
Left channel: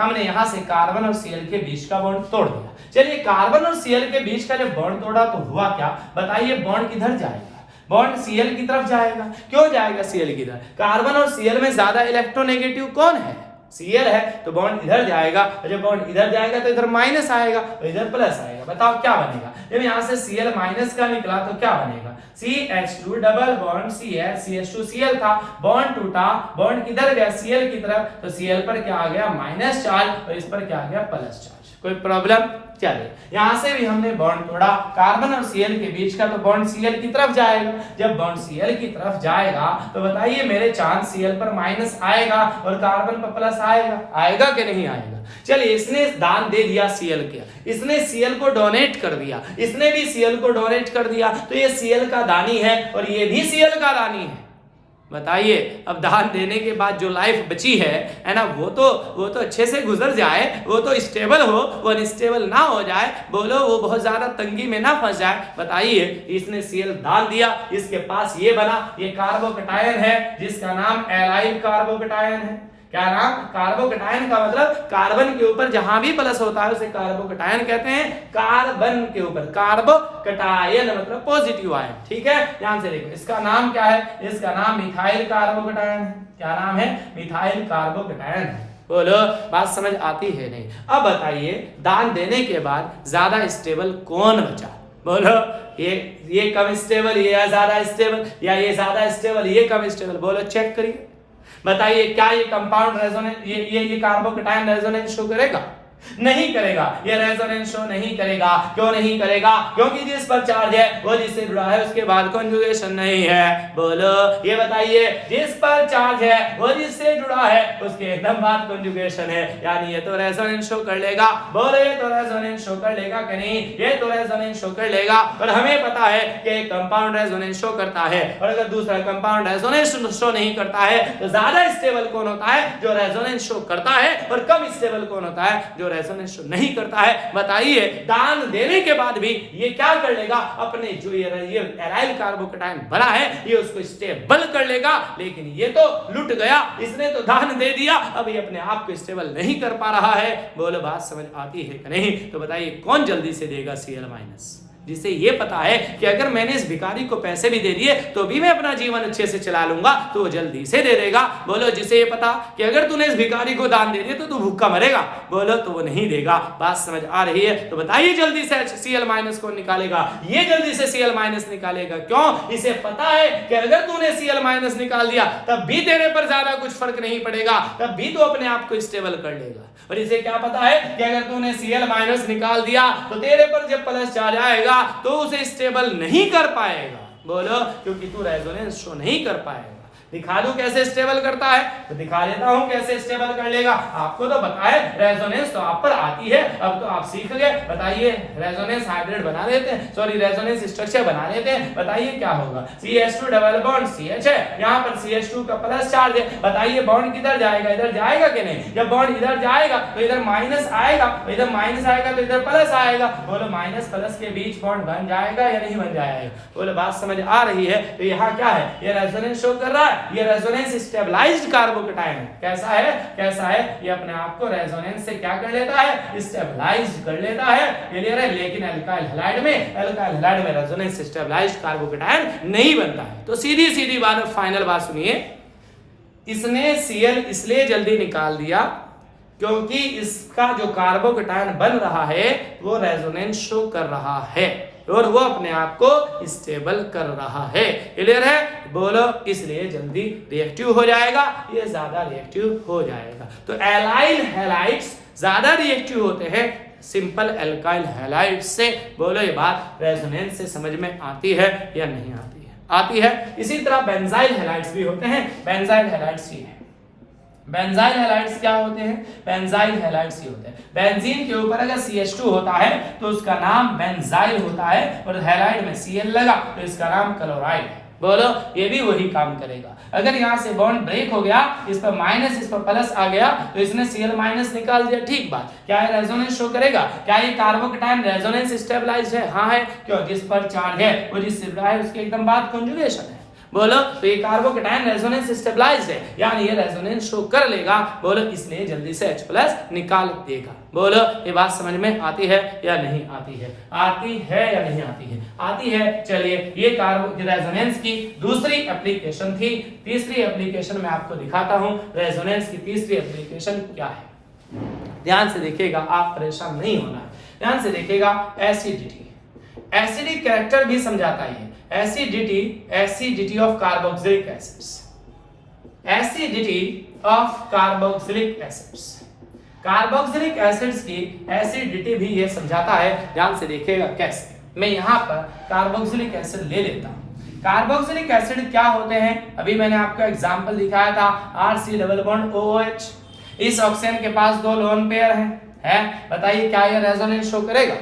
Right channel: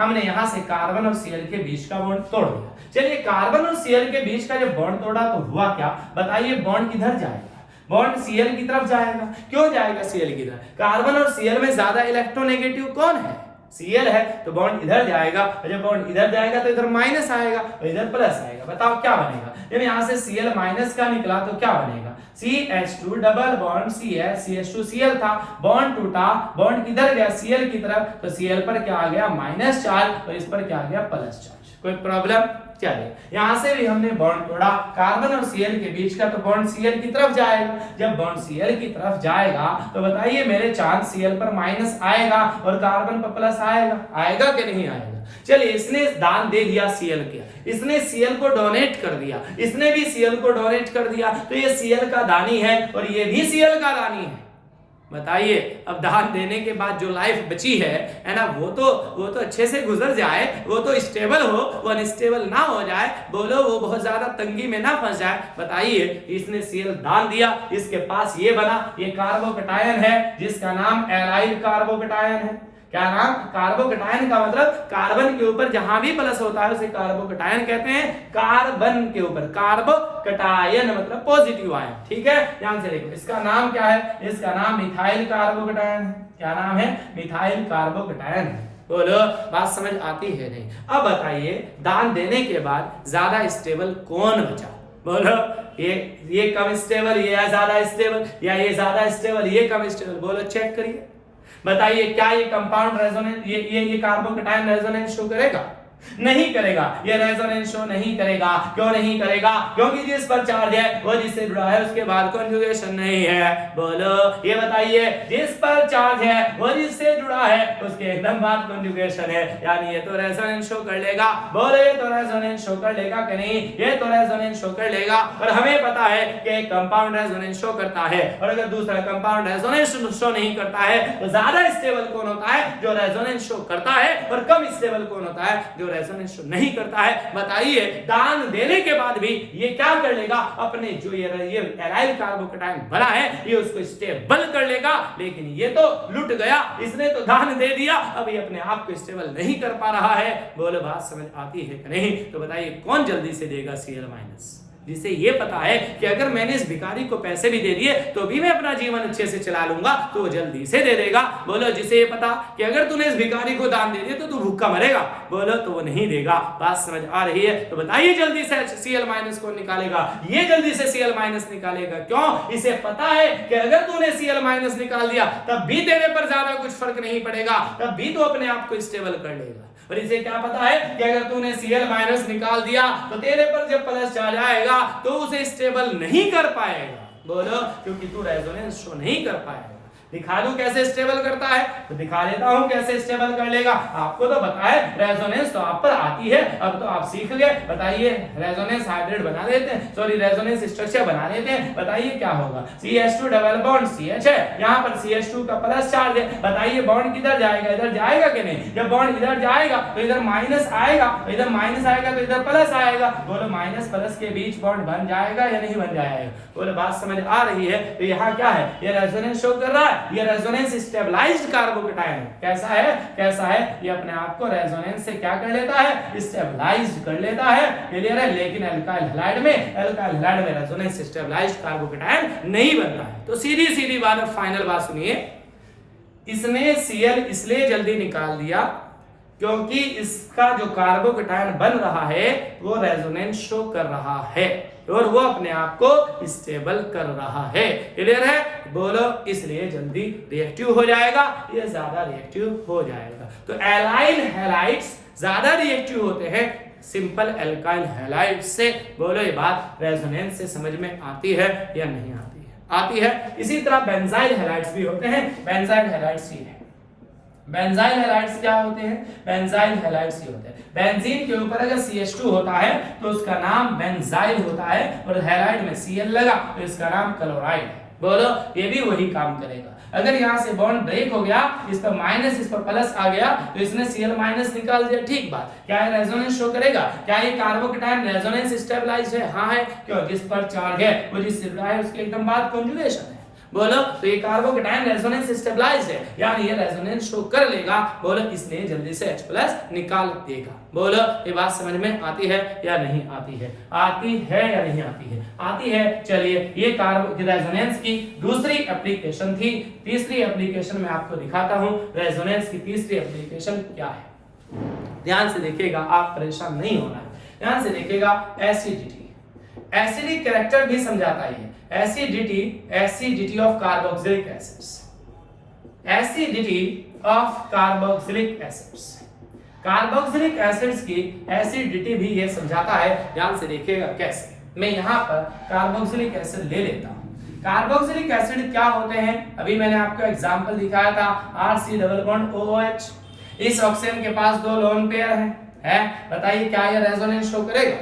हमने यहां से कार्बन और Cl के बीच का बॉन्ड तोड़ दिया। चलिए कार्बन और Cl के बीच का जब बॉन्ड तोड़ा तो हुआ क्या? बताइए, बॉन्ड किधर जाएगा? बॉन्ड Cl की तरफ जाएगा। क्यों जाएगा Cl की तरफ? कार्बन और Cl में ज्यादा इलेक्ट्रोनेगेटिव कौन है? Cl है, तो बॉन्ड इधर जाएगा, और जब बॉन्ड इधर जाएगा तो इधर माइनस आएगा, और इधर प्लस आएगा। बताओ क्या बनेगा? जब यहां से Cl माइनस का निकला तो क्या बनेगा? CH2 double bond CH, CH2Cl था, बॉन्ड टूटा, बॉन्ड किधर गया? Cl की तरफ, तो Cl पर क्या आ गया? माइनस चार्ज, और इस पर क्या आ गया? Plus charge. कोई प्रॉब्लम? चलिए यहां से भी हमने बॉन्ड तोड़ा, कार्बन और Cl के बीच का, तो बॉन्ड Cl की तरफ जाएगा। जब बॉन्ड Cl की तरफ जाएगा तो बताइए मेरे चांस Cl पर माइनस आएगा और कार्बन पर प्लस आएगा कि नहीं आएगा? चलिए इसने दान दे दिया Cl के, इसने Cl को डोनेट कर दिया, इसने भी Cl को डोनेट कर दिया, तो ये Cl का दानी है और ये भी Cl का दानी है। बताइए अब दान देने के बाद जो लाइफ बची है ना, वो तो अच्छे से गुजर जाए, वो तो स्टेबल हो, वो अनस्टेबल ना हो जाए। बोलो वो बहुत ज्यादा तंगी में ना फंस जाए। बताइए इसने Cl दान दिया, इसके पास ये बना, ये कार्बोकटायन है जिसका नाम एलाइल कार्बोकटायन है। क्या नाम? कार्बोकटायन का मतलब कार्बन के ऊपर जहां भी प्लस होता है उसे कार्बोकटायन कहते हैं। कार्बन के ऊपर कार्बोकटायन मतलब पॉजिटिव आयन। ठीक है, ध्यान से देखो, इसका नाम क्या है? इसका नाम मिथाइल कार्बोकटायन है। क्या नाम है? मिथाइल कार्बोकटायन है। बोलो बात समझ आती है नहीं? अब बताइए दान देने के बाद ज्यादा स्टेबल कौन बचा? बोलो ये कम स्टेबल, ये ज्यादा स्टेबल, या ये ज्यादा स्टेबल, ये कम स्टेबल? बोलो चेक करिए, बताइए क्या ये कंपाउंड रेजोनेंस, ये कार्बोकटायन रेजोनेंस शो करेगा? नहीं करेगा, ये रेजोनेंस शो नहीं करेगा। क्यों नहीं करेगा? क्योंकि जिस पर चार्ज है वो जिससे जुड़ा है उसके बाद कॉन्जुगेशन नहीं है। बोलो ये बताइए, जिस पर चार्ज है वो जिससे जुड़ा है उसके एकदम बाद कॉन्जुगेशन है, यानी ये तो रेजोनेंस शो कर लेगा। बोलो ये तो रेजोनेंस शो कर लेगा कि नहीं? ये तो रेजोनेंस शो कर लेगा। और हमें पता है कि एक कंपाउंड रेजोनेंस शो करता है, और अगर दूसरा कंपाउंड रेजोनेंस शो नहीं करता है तो ज्यादा स्टेबल कौन होता है? जो रेजोनेंस शो करता है। और कम स्टेबल कौन होता है? जो रेजोनेंस शो नहीं करता है। बताइए दान देने के बाद भी ये क्या कर लेगा? अपने जो ये एराइल कार्बोकटायन बना है ये उसको स्टेबल कर लेगा। लेकिन ये तो लुट गया, इसने तो दान दे दिया, अब ये अपने आप को स्टेबल नहीं कर पा रहा है। बोलो बात समझ आती है कि नहीं? तो बताइए कौन जल्दी से देगा Cl-, जिसे ये पता है कि अगर मैंने इस भिखारी को पैसे भी दे दिए तो भी मैं अपना जीवन अच्छे से चला लूंगा, तो वो जल्दी से दे देगा। बोलो जिसे ये पता कि अगर तूने इस भिखारी को दान दे दिया तो तू भूखा मरेगा, बोलो तो वो नहीं देगा। बात समझ आ रही है? तो बताइए जल्दी से Cl- को निकालेगा, ये जल्दी से Cl- निकालेगा। क्यों? इसे पता है कि अगर तूने Cl- निकाल दिया तब भी तेरे पर ज्यादा कुछ फर्क नहीं पड़ेगा, तब भी तो अपने आप को स्टेबल कर लेगा। और इसे क्या पता है कि अगर तूने Cl- निकाल दिया तो तेरे पर जब प्लस चार्ज आएगा तो उसे स्टेबल नहीं कर पाएगा। बोलो क्योंकि तू रेजोनेंस शो नहीं कर पाएगा। दिखा दूं कैसे स्टेबल करता है, तो दिखा देता हूं कैसे स्टेबल कर लेगा। आपको तो पता है, रेजोनेंस तो आप पर आती है, अब तो आप सीख गए। बताइए रेजोनेंस हाइब्रिड बना देते हैं, सॉरी रेजोनेंस स्ट्रक्चर बना देते हैं। बताइए क्या होगा, CH2 डबल बॉन्ड CH है, यहाँ पर CH2 का प्लस चार्ज है। बताइए बॉन्ड किधर जाएगा, इधर जाएगा कि नहीं? जब बॉन्ड इधर जाएगा तो इधर माइनस आएगा, तो इधर माइनस आएगा तो इधर प्लस आएगा। बोलो माइनस प्लस के बीच बॉन्ड बन जाएगा या नहीं बन जाएगा? बोलो बात समझ आ रही है? तो यहाँ क्या है, ये रेजोनेंस शो कर रहा है, ये रेजोनेंस स्टेबलाइज्ड कार्बोकेटायन है। कैसा है, कैसा है? ये अपने आप को रेजोनेंस से क्या कर लेता है, स्टेबलाइज्ड कर लेता है। क्लियर है? लेकिन अल्काइल हैलाइड में रेजोनेंस स्टेबलाइज्ड कार्बोकेटायन नहीं बनता है। तो सीधी सीधी बात, फाइनल बात सुनिए, इसने Cl इसलिए जल्दी निकाल दिया क्योंकि इसका जो कार्बोकेटायन बन रहा है वो रेजोनेंस शो कर रहा है और वो अपने आप को स्टेबल कर रहा है। क्लियर है? बोलो इसलिए जल्दी रिएक्टिव हो जाएगा, ये ज्यादा रिएक्टिव हो जाएगा। तो एलाइल हैलाइड्स ज्यादा रिएक्टिव होते हैं सिंपल एल्काइल हैलाइड से। बोलो ये बात रेजोनेंस से समझ में आती है या नहीं आती है? आती है। इसी तरह बेंजाइल हैलाइड्स भी होते हैं। बेंजाइल हैलाइड्स ये है, बेंजाइल हैलाइड्स क्या होते हैं? बेंजाइल हैलाइड्स ये होते हैं, बेंजीन के ऊपर अगर CH2 होता है तो उसका नाम बेंजाइल होता है, और हैलाइड में Cl लगा तो इसका नाम क्लोराइड है। बोलो ये भी वही काम करेगा। अगर यहाँ से बॉन्ड ब्रेक हो गया, इस पर माइनस इस पर प्लस आ गया, तो इसने Cl माइनस निकाल दिया, ठीक बात। क्या ये रेजोनेंस शो करेगा? क्या ये कार्बोकेटायन रेजोनेंस स्टेबलाइज्ड है? हाँ है। क्यों? जिस पर चार्ज है वो जिस से है उसके एकदम बाद कॉन्जुगेशन है। बोलो तो ये कार्बोकेटायन रेजोनेंस स्टेबलाइज्ड है, यानी ये रेजोनेंस शो कर लेगा। बोलो इसलिए जल्दी से H+ निकाल देगा। बोलो ये बात समझ में आती है या नहीं आती है? आती है या नहीं आती है? आती है। चलिए ये कार्बो रेजोनेंस की दूसरी एप्लीकेशन थी। तीसरी एप्लीकेशन मैं आपको दिखाता हूं। रेजोनेंस की तीसरी एप्लीकेशन क्या है, ध्यान से देखिएगा, आप परेशान नहीं होना। ध्यान से देखिएगा, एसिडिटी, एसिडिक कैरेक्टर भी समझाता है। Acidity, acidity of carboxylic acids, acidity of carboxylic acids, carboxylic acids की एसिडिटी भी ये समझाता है। ध्यान से देखिएगा कैसे। मैं यहाँ पर कार्बोक्सिलिक एसिड ले लेता हूँ। कार्बोक्सिलिक एसिड क्या होते हैं? अभी मैंने आपको एग्जांपल दिखाया था, RC डबल बॉन्ड OH। इस ऑक्सीजन के पास 2 लोन पेयर हैं। बताइए क्या ये रेजोनेंस शो करेगा?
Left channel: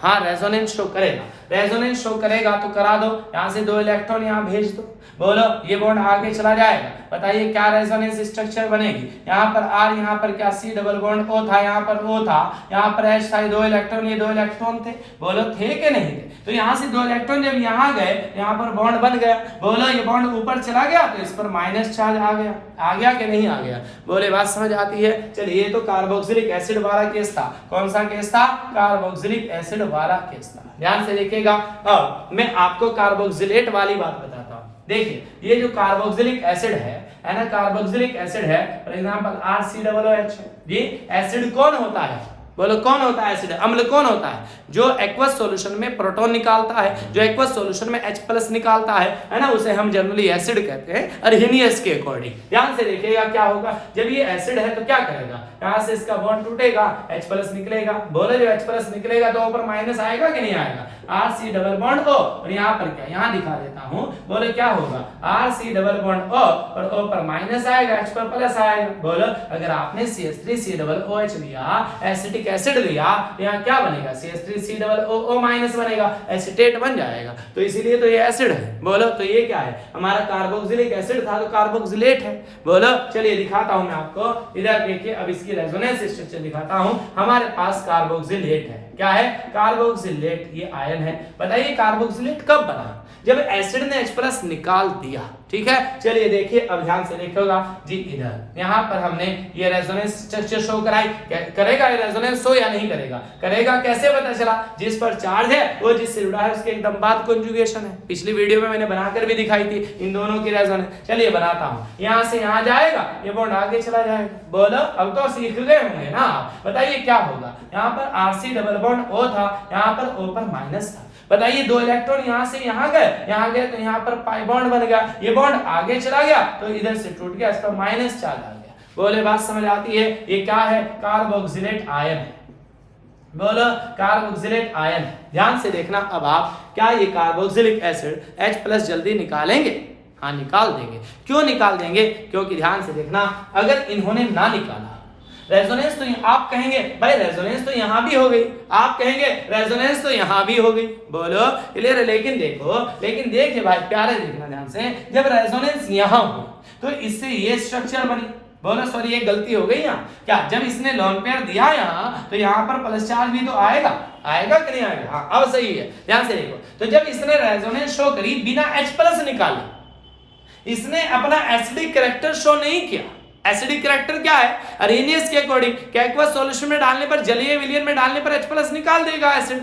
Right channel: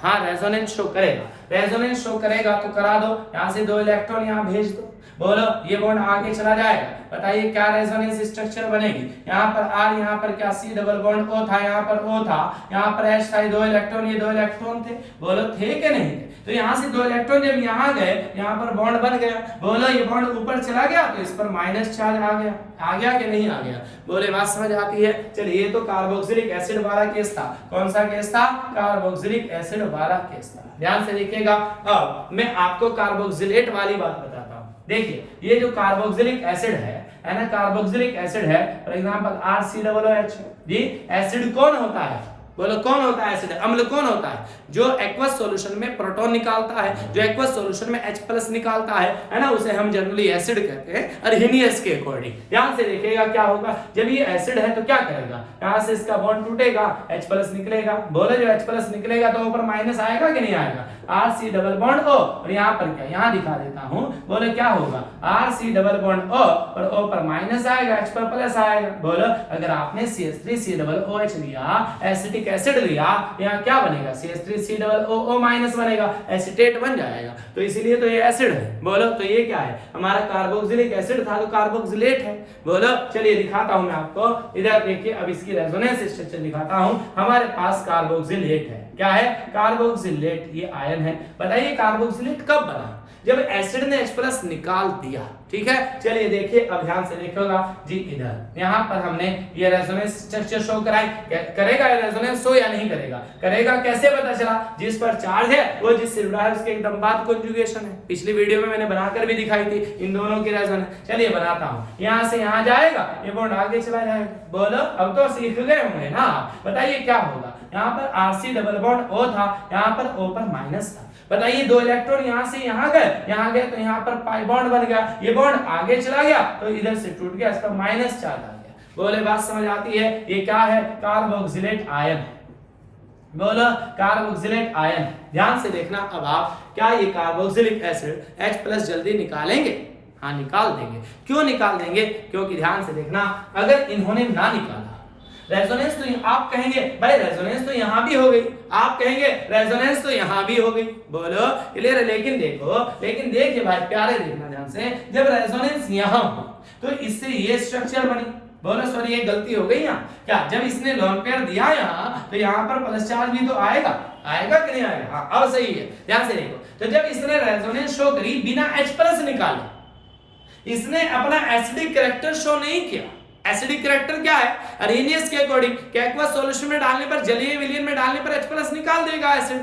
हाँ रेजोनेंस शो करेगा। रेजोनेंस शो करेगा तो करा दो, यहाँ से 2 इलेक्ट्रॉन यहाँ भेज दो। बोलो ये बॉन्ड आगे चला जाएगा। बताइए क्या रेजोनेंस स्ट्रक्चर बनेगी? यहाँ पर R, यहाँ पर क्या C डबल बॉन्ड O था, यहाँ पर O था, यहाँ पर H था, 2 इलेक्ट्रॉन, ये 2 इलेक्ट्रॉन थे। बोलो थे कि नहीं थे? तो यहाँ से 2 इलेक्ट्रॉन जब यहाँ गए, यहाँ पर बॉन्ड बन गया। बोलो ये बॉन्ड ऊपर चला गया तो इस पर माइनस चार्ज आ गया। आ गया कि नहीं आ गया? बोले बात समझ आती है? चलिए ये तो कार्बोक्सिलिक एसिड वाला केस था। कौन सा केस था? कार्बोक्सिलिक एसिड वाला केस था। ध्यान से देखिएगा। अब मैं आपको कार्बोक्सिलेट वाली बात बताता हूँ। देखिए ये जो कार्बोक्सिलिक एसिड है ना, कार्बोक्सिलिक एसिड है, फॉर एग्जांपल RCOOH है। जी एसिड कौन होता है? बोलो कौन होता है एसिड? अम्ल कौन होता है? जो एक्वस सॉल्यूशन में प्रोटॉन निकालता है, जो एक्वस सॉल्यूशन में H+ निकालता है ना, उसे हम जनरली एसिड कहते हैं अर्हेनियस के अकॉर्डिंग। ध्यान से देखिएगा क्या होगा, जब ये एसिड है तो क्या करेगा, यहाँ से इसका बॉन्ड टूटेगा, H+ निकलेगा। बोलो जो H+ निकलेगा तो ऊपर माइनस आएगा कि नहीं आएगा? RC डबल बॉन्ड O, और यहाँ पर क्या, यहाँ दिखा देता हूँ। बोलो क्या होगा, RC डबल बॉन्ड O और O पर माइनस आएगा, H पर प्लस आएगा। बोलो अगर आपने CH3COOH लिया, एसिटिक एसिड लिया, यहाँ क्या बनेगा? CH3COO माइनस बनेगा, एसिटेट बन जाएगा। तो इसीलिए तो ये एसिड है। बोलो तो ये क्या है? हमारा कार्बोक्सिलिक एसिड था तो कार्बोक्सिलेट है। बोलो चलिए दिखाता हूं मैं आपको। इधर देखिए, अब इसकी रेजोनेंस स्ट्रक्चर दिखाता हूं। हमारे पास कार्बोक्सिलेट है। क्या है? कार्बोक्सिलेट, ये आयन है। बताइए कार्बोक्सिलेट कब बना? जब एसिड ने H+ निकाल दिया। ठीक है, चलिए देखिए, अब ध्यान से देखिएगा जी। इधर यहाँ पर हमने ये रेजोनेंस स्ट्रक्चर शो कराई। करेगा ये रेजोनेंस शो या नहीं करेगा? करेगा। कैसे पता चला? जिस पर चार्ज है वो जिससे जुड़ा है उसके एकदम बाद कॉन्जुगेशन है। पिछली वीडियो में मैंने बनाकर भी दिखाई थी इन दोनों की रेजोनेंस। चलिए बनाता हूँ। यहाँ से यहाँ जाएगा, ये बॉन्ड आगे चला जाएगा। बोलो अब तो सीख गए होंगे ना। बताइए क्या होगा? यहाँ पर RC डबल बॉन्ड O था, यहाँ पर O पर माइनस था। बताइए 2 इलेक्ट्रॉन यहाँ से यहाँ गए तो यहाँ पर पाई बॉन्ड बन गया। ये बॉन्ड आगे चला गया तो इधर से टूट गया, इस पर माइनस चार्ज आ गया। बोले बात समझ आती है? ये क्या है? कार्बोक्सिलेट आयन है। बोलो कार्बोक्सिलेट आयन। ध्यान से देखना अब आप, क्या ये कार्बोक्सिलिक एसिड H+ जल्दी निकालेंगे? हाँ निकाल देंगे। क्यों निकाल देंगे? क्योंकि ध्यान से देखना, अगर इन्होंने ना निकाला रेजोनेंस तो आप कहेंगे भाई रेजोनेंस तो यहां भी हो गई, आप कहेंगे रेजोनेंस तो यहां भी हो गई। बोलो क्लियर है? लेकिन देखो, लेकिन देखिए भाई प्यारे देखना ध्यान से, जब रेजोनेंस यहां हो तो इससे ये स्ट्रक्चर बनी। बोलो सॉरी ये गलती हो गई यहाँ, क्या जब इसने लोन पेयर दिया यहाँ तो यहाँ पर प्लस चार्ज भी तो आएगा, आएगा कि नहीं आएगा? हाँ अब सही है, ध्यान से देखो। तो जब इसने रेजोनेंस शो करी बिना H प्लस निकाले, इसने अपना एसिडिक कैरेक्टर शो नहीं किया। एसिडिक कैरेक्टर क्या है? अरेनियस के अकॉर्डिंग क्या एक्वस सॉल्यूशन में डालने पर, जलीय विलयन में डालने पर H प्लस निकाल देगा एसिड।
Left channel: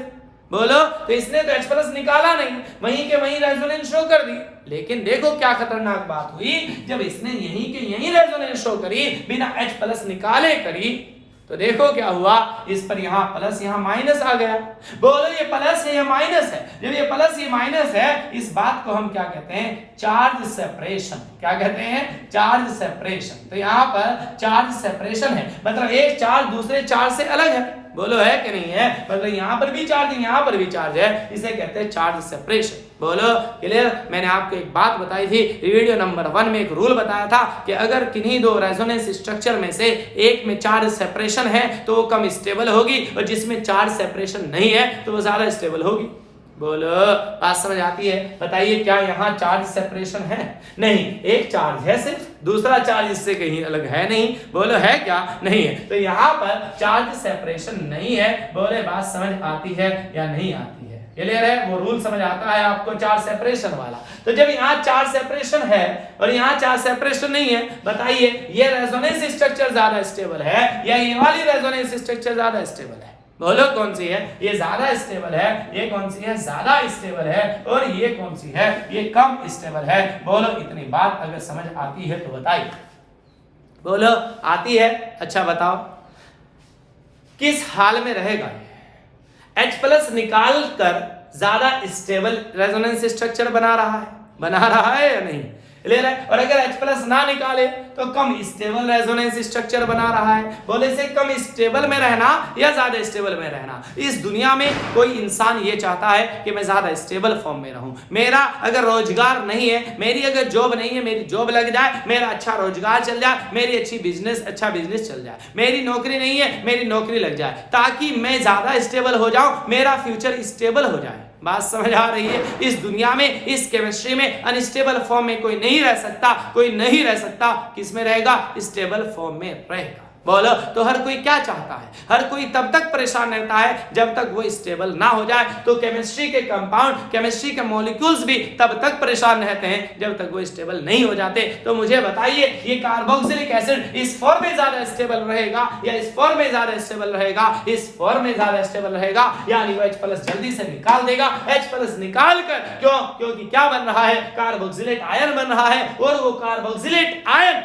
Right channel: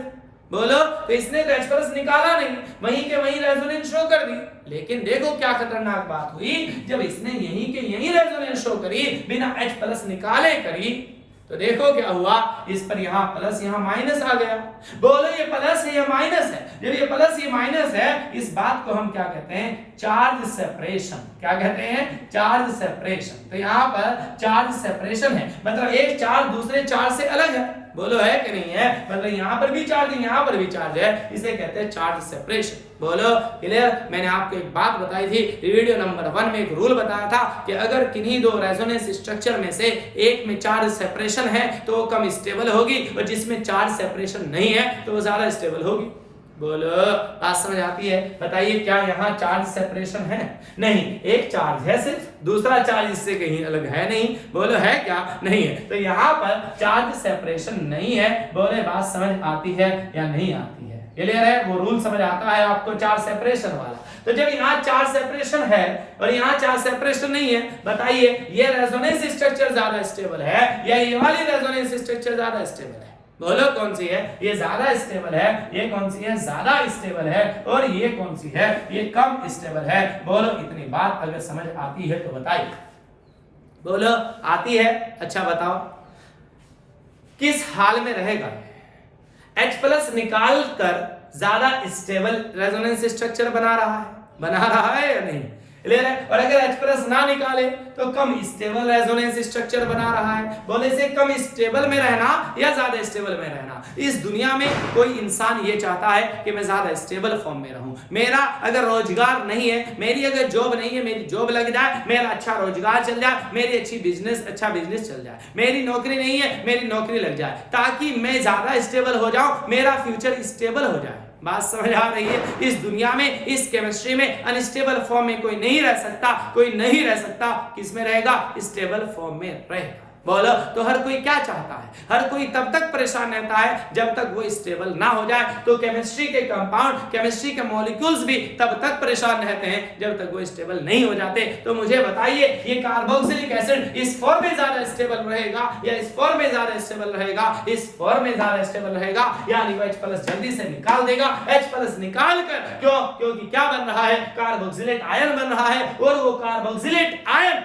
बोलो तो इसने तो H प्लस निकाला नहीं, वहीं के वहीं रेजोनेंस शो कर दी। लेकिन देखो क्या खतरनाक बात हुई, जब इसने यहीं के यहीं रेजोनेंस शो करी बिना H प्लस निकाले करी, तो देखो क्या हुआ, इस पर यहाँ प्लस यहाँ माइनस आ गया। बोलो ये प्लस है या माइनस है? जब ये प्लस ये माइनस है, इस बात को हम क्या कहते हैं? Charge separation. क्या कहते हैं? Charge separation. तो यहाँ पर चार्ज सेपरेशन है, मतलब एक चार्ज दूसरे चार्ज से अलग है। बोलो है कि नहीं है? मतलब यहाँ पर भी चार्ज है, यहाँ पर भी चार्ज है, इसे कहते हैं चार्ज सेपरेशन। बोलो क्लियर? मैंने आपको एक बात बताई थी वीडियो नंबर 1 में, एक रूल बताया था कि अगर किन्हीं दो रेजोनेंस स्ट्रक्चर में से एक में चार्ज सेपरेशन है तो वो कम स्टेबल होगी, और जिसमें चार्ज सेपरेशन नहीं है तो वो ज्यादा स्टेबल होगी। बोलो बात समझ आती है? बताइए क्या यहाँ चार्ज सेपरेशन है? नहीं, एक चार्ज है सिर्फ, दूसरा चार्ज इससे कहीं अलग है नहीं। बोलो है क्या? नहीं है। तो यहाँ पर चार्ज सेपरेशन नहीं है। बोले बात समझ आती है या नहीं आती है? क्लियर है? वो रूल समझ आता है आपको चार्ज सेपरेशन वाला? तो जब यहाँ चार्ज सेपरेशन है और यहाँ चार्ज सेपरेशन नहीं है, बताइए ये रेजोनेंस स्ट्रक्चर ज्यादा स्टेबल है या ये वाली रेजोनेंस स्ट्रक्चर ज्यादा स्टेबल है? बोलो कौन सी है? ये ज्यादा स्टेबल है। ये कौन सी है? ज्यादा स्टेबल है। और ये कौन सी है? ये कम स्टेबल है। बोलो इतनी बात अगर समझ आती है तो बताइए। बोलो आती है? अच्छा बताओ किस हाल में रहेगा? H प्लस निकाल कर ज्यादा स्टेबल रेजोनेंस स्ट्रक्चर बना रहा है या नहीं? क्लियर है? और अगर H प्लस ना निकाले तो कम स्टेबल रेजोनेंस स्ट्रक्चर बना रहा है। बोले से कम स्टेबल में रहना या ज्यादा स्टेबल में रहना? इस दुनिया में कोई इंसान ये चाहता है कि मैं ज्यादा स्टेबल फॉर्म में रहूं। मेरा अगर रोजगार नहीं है, मेरी अगर जॉब नहीं है, मेरी जॉब लग जाए, मेरा अच्छा रोजगार चल जाए, मेरी अच्छा बिजनेस चल जाए, मेरी नौकरी नहीं है, मेरी नौकरी लग जाए, ताकि मैं ज्यादा स्टेबल हो जाऊं, मेरा फ्यूचर स्टेबल हो जाए। बात समझ आ रही है? इस दुनिया में, इस केमिस्ट्री में अनस्टेबल फॉर्म में कोई नहीं रह सकता, कोई नहीं रह सकता। किस में रहेगा? स्टेबल फॉर्म में रहेगा। बोलो तो हर कोई क्या चाहता है? हर कोई तब तक परेशान रहता है जब तक वो स्टेबल ना हो जाए। तो केमिस्ट्री के कंपाउंड, केमिस्ट्री के मॉलिक्यूल्स भी तब तक परेशान रहते हैं जब तक वो स्टेबल नहीं हो जाते। तो मुझे बताइए ये कार्बोक्सिलिक एसिड इस फॉर्म में ज्यादा स्टेबल रहेगा या इस फॉर्म में ज्यादा स्टेबल रहेगा? इस फॉर्म में ज्यादा स्टेबल रहेगा, यानी वो H प्लस जल्दी से निकाल देगा। H प्लस निकाल कर, क्यों? क्योंकि क्या बन रहा है? कार्बोक्सिलेट आयन बन रहा है, और वो कार्बोक्सिलेट आयन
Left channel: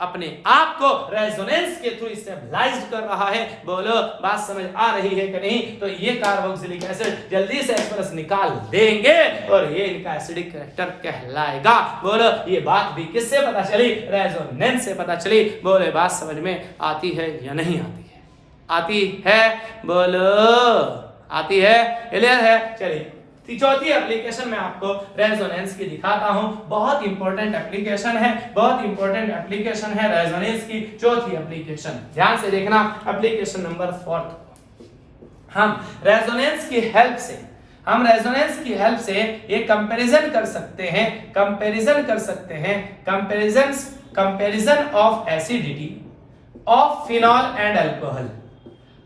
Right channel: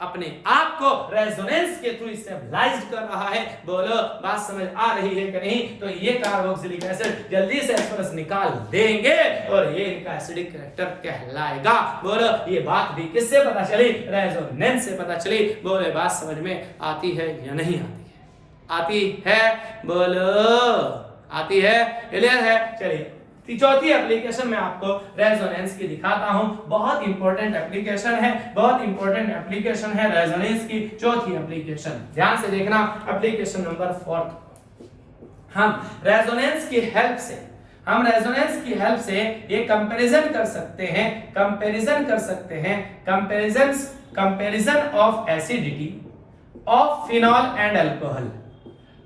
अपने आप को रेजोनेंस के थ्रू स्टेबलाइज्ड कर रहा है। बोलो बात समझ आ रही है कि नहीं? तो ये कार्बोक्सिलिक एसिड जल्दी से H प्लस निकाल देंगे और ये इनका एसिडिक कैरेक्टर कहलाएगा। बोलो ये बात भी किससे पता चली? रेजोनेंस से पता चली। बोले बात समझ में आती है या नहीं आती है? आती है? बोलो आती है? क्लियर है? चलिए चौथी एप्लीकेशन में आपको रेजोनेंस की दिखाता हूं। बहुत इंपॉर्टेंट एप्लीकेशन है, बहुत इंपॉर्टेंट एप्लीकेशन है रेजोनेंस की चौथी एप्लीकेशन। ध्यान से देखना, एप्लीकेशन नंबर 4। हम रेजोनेंस की हेल्प से ये कंपैरिजन कर सकते हैं, comparison of acidity of phenol and alcohol.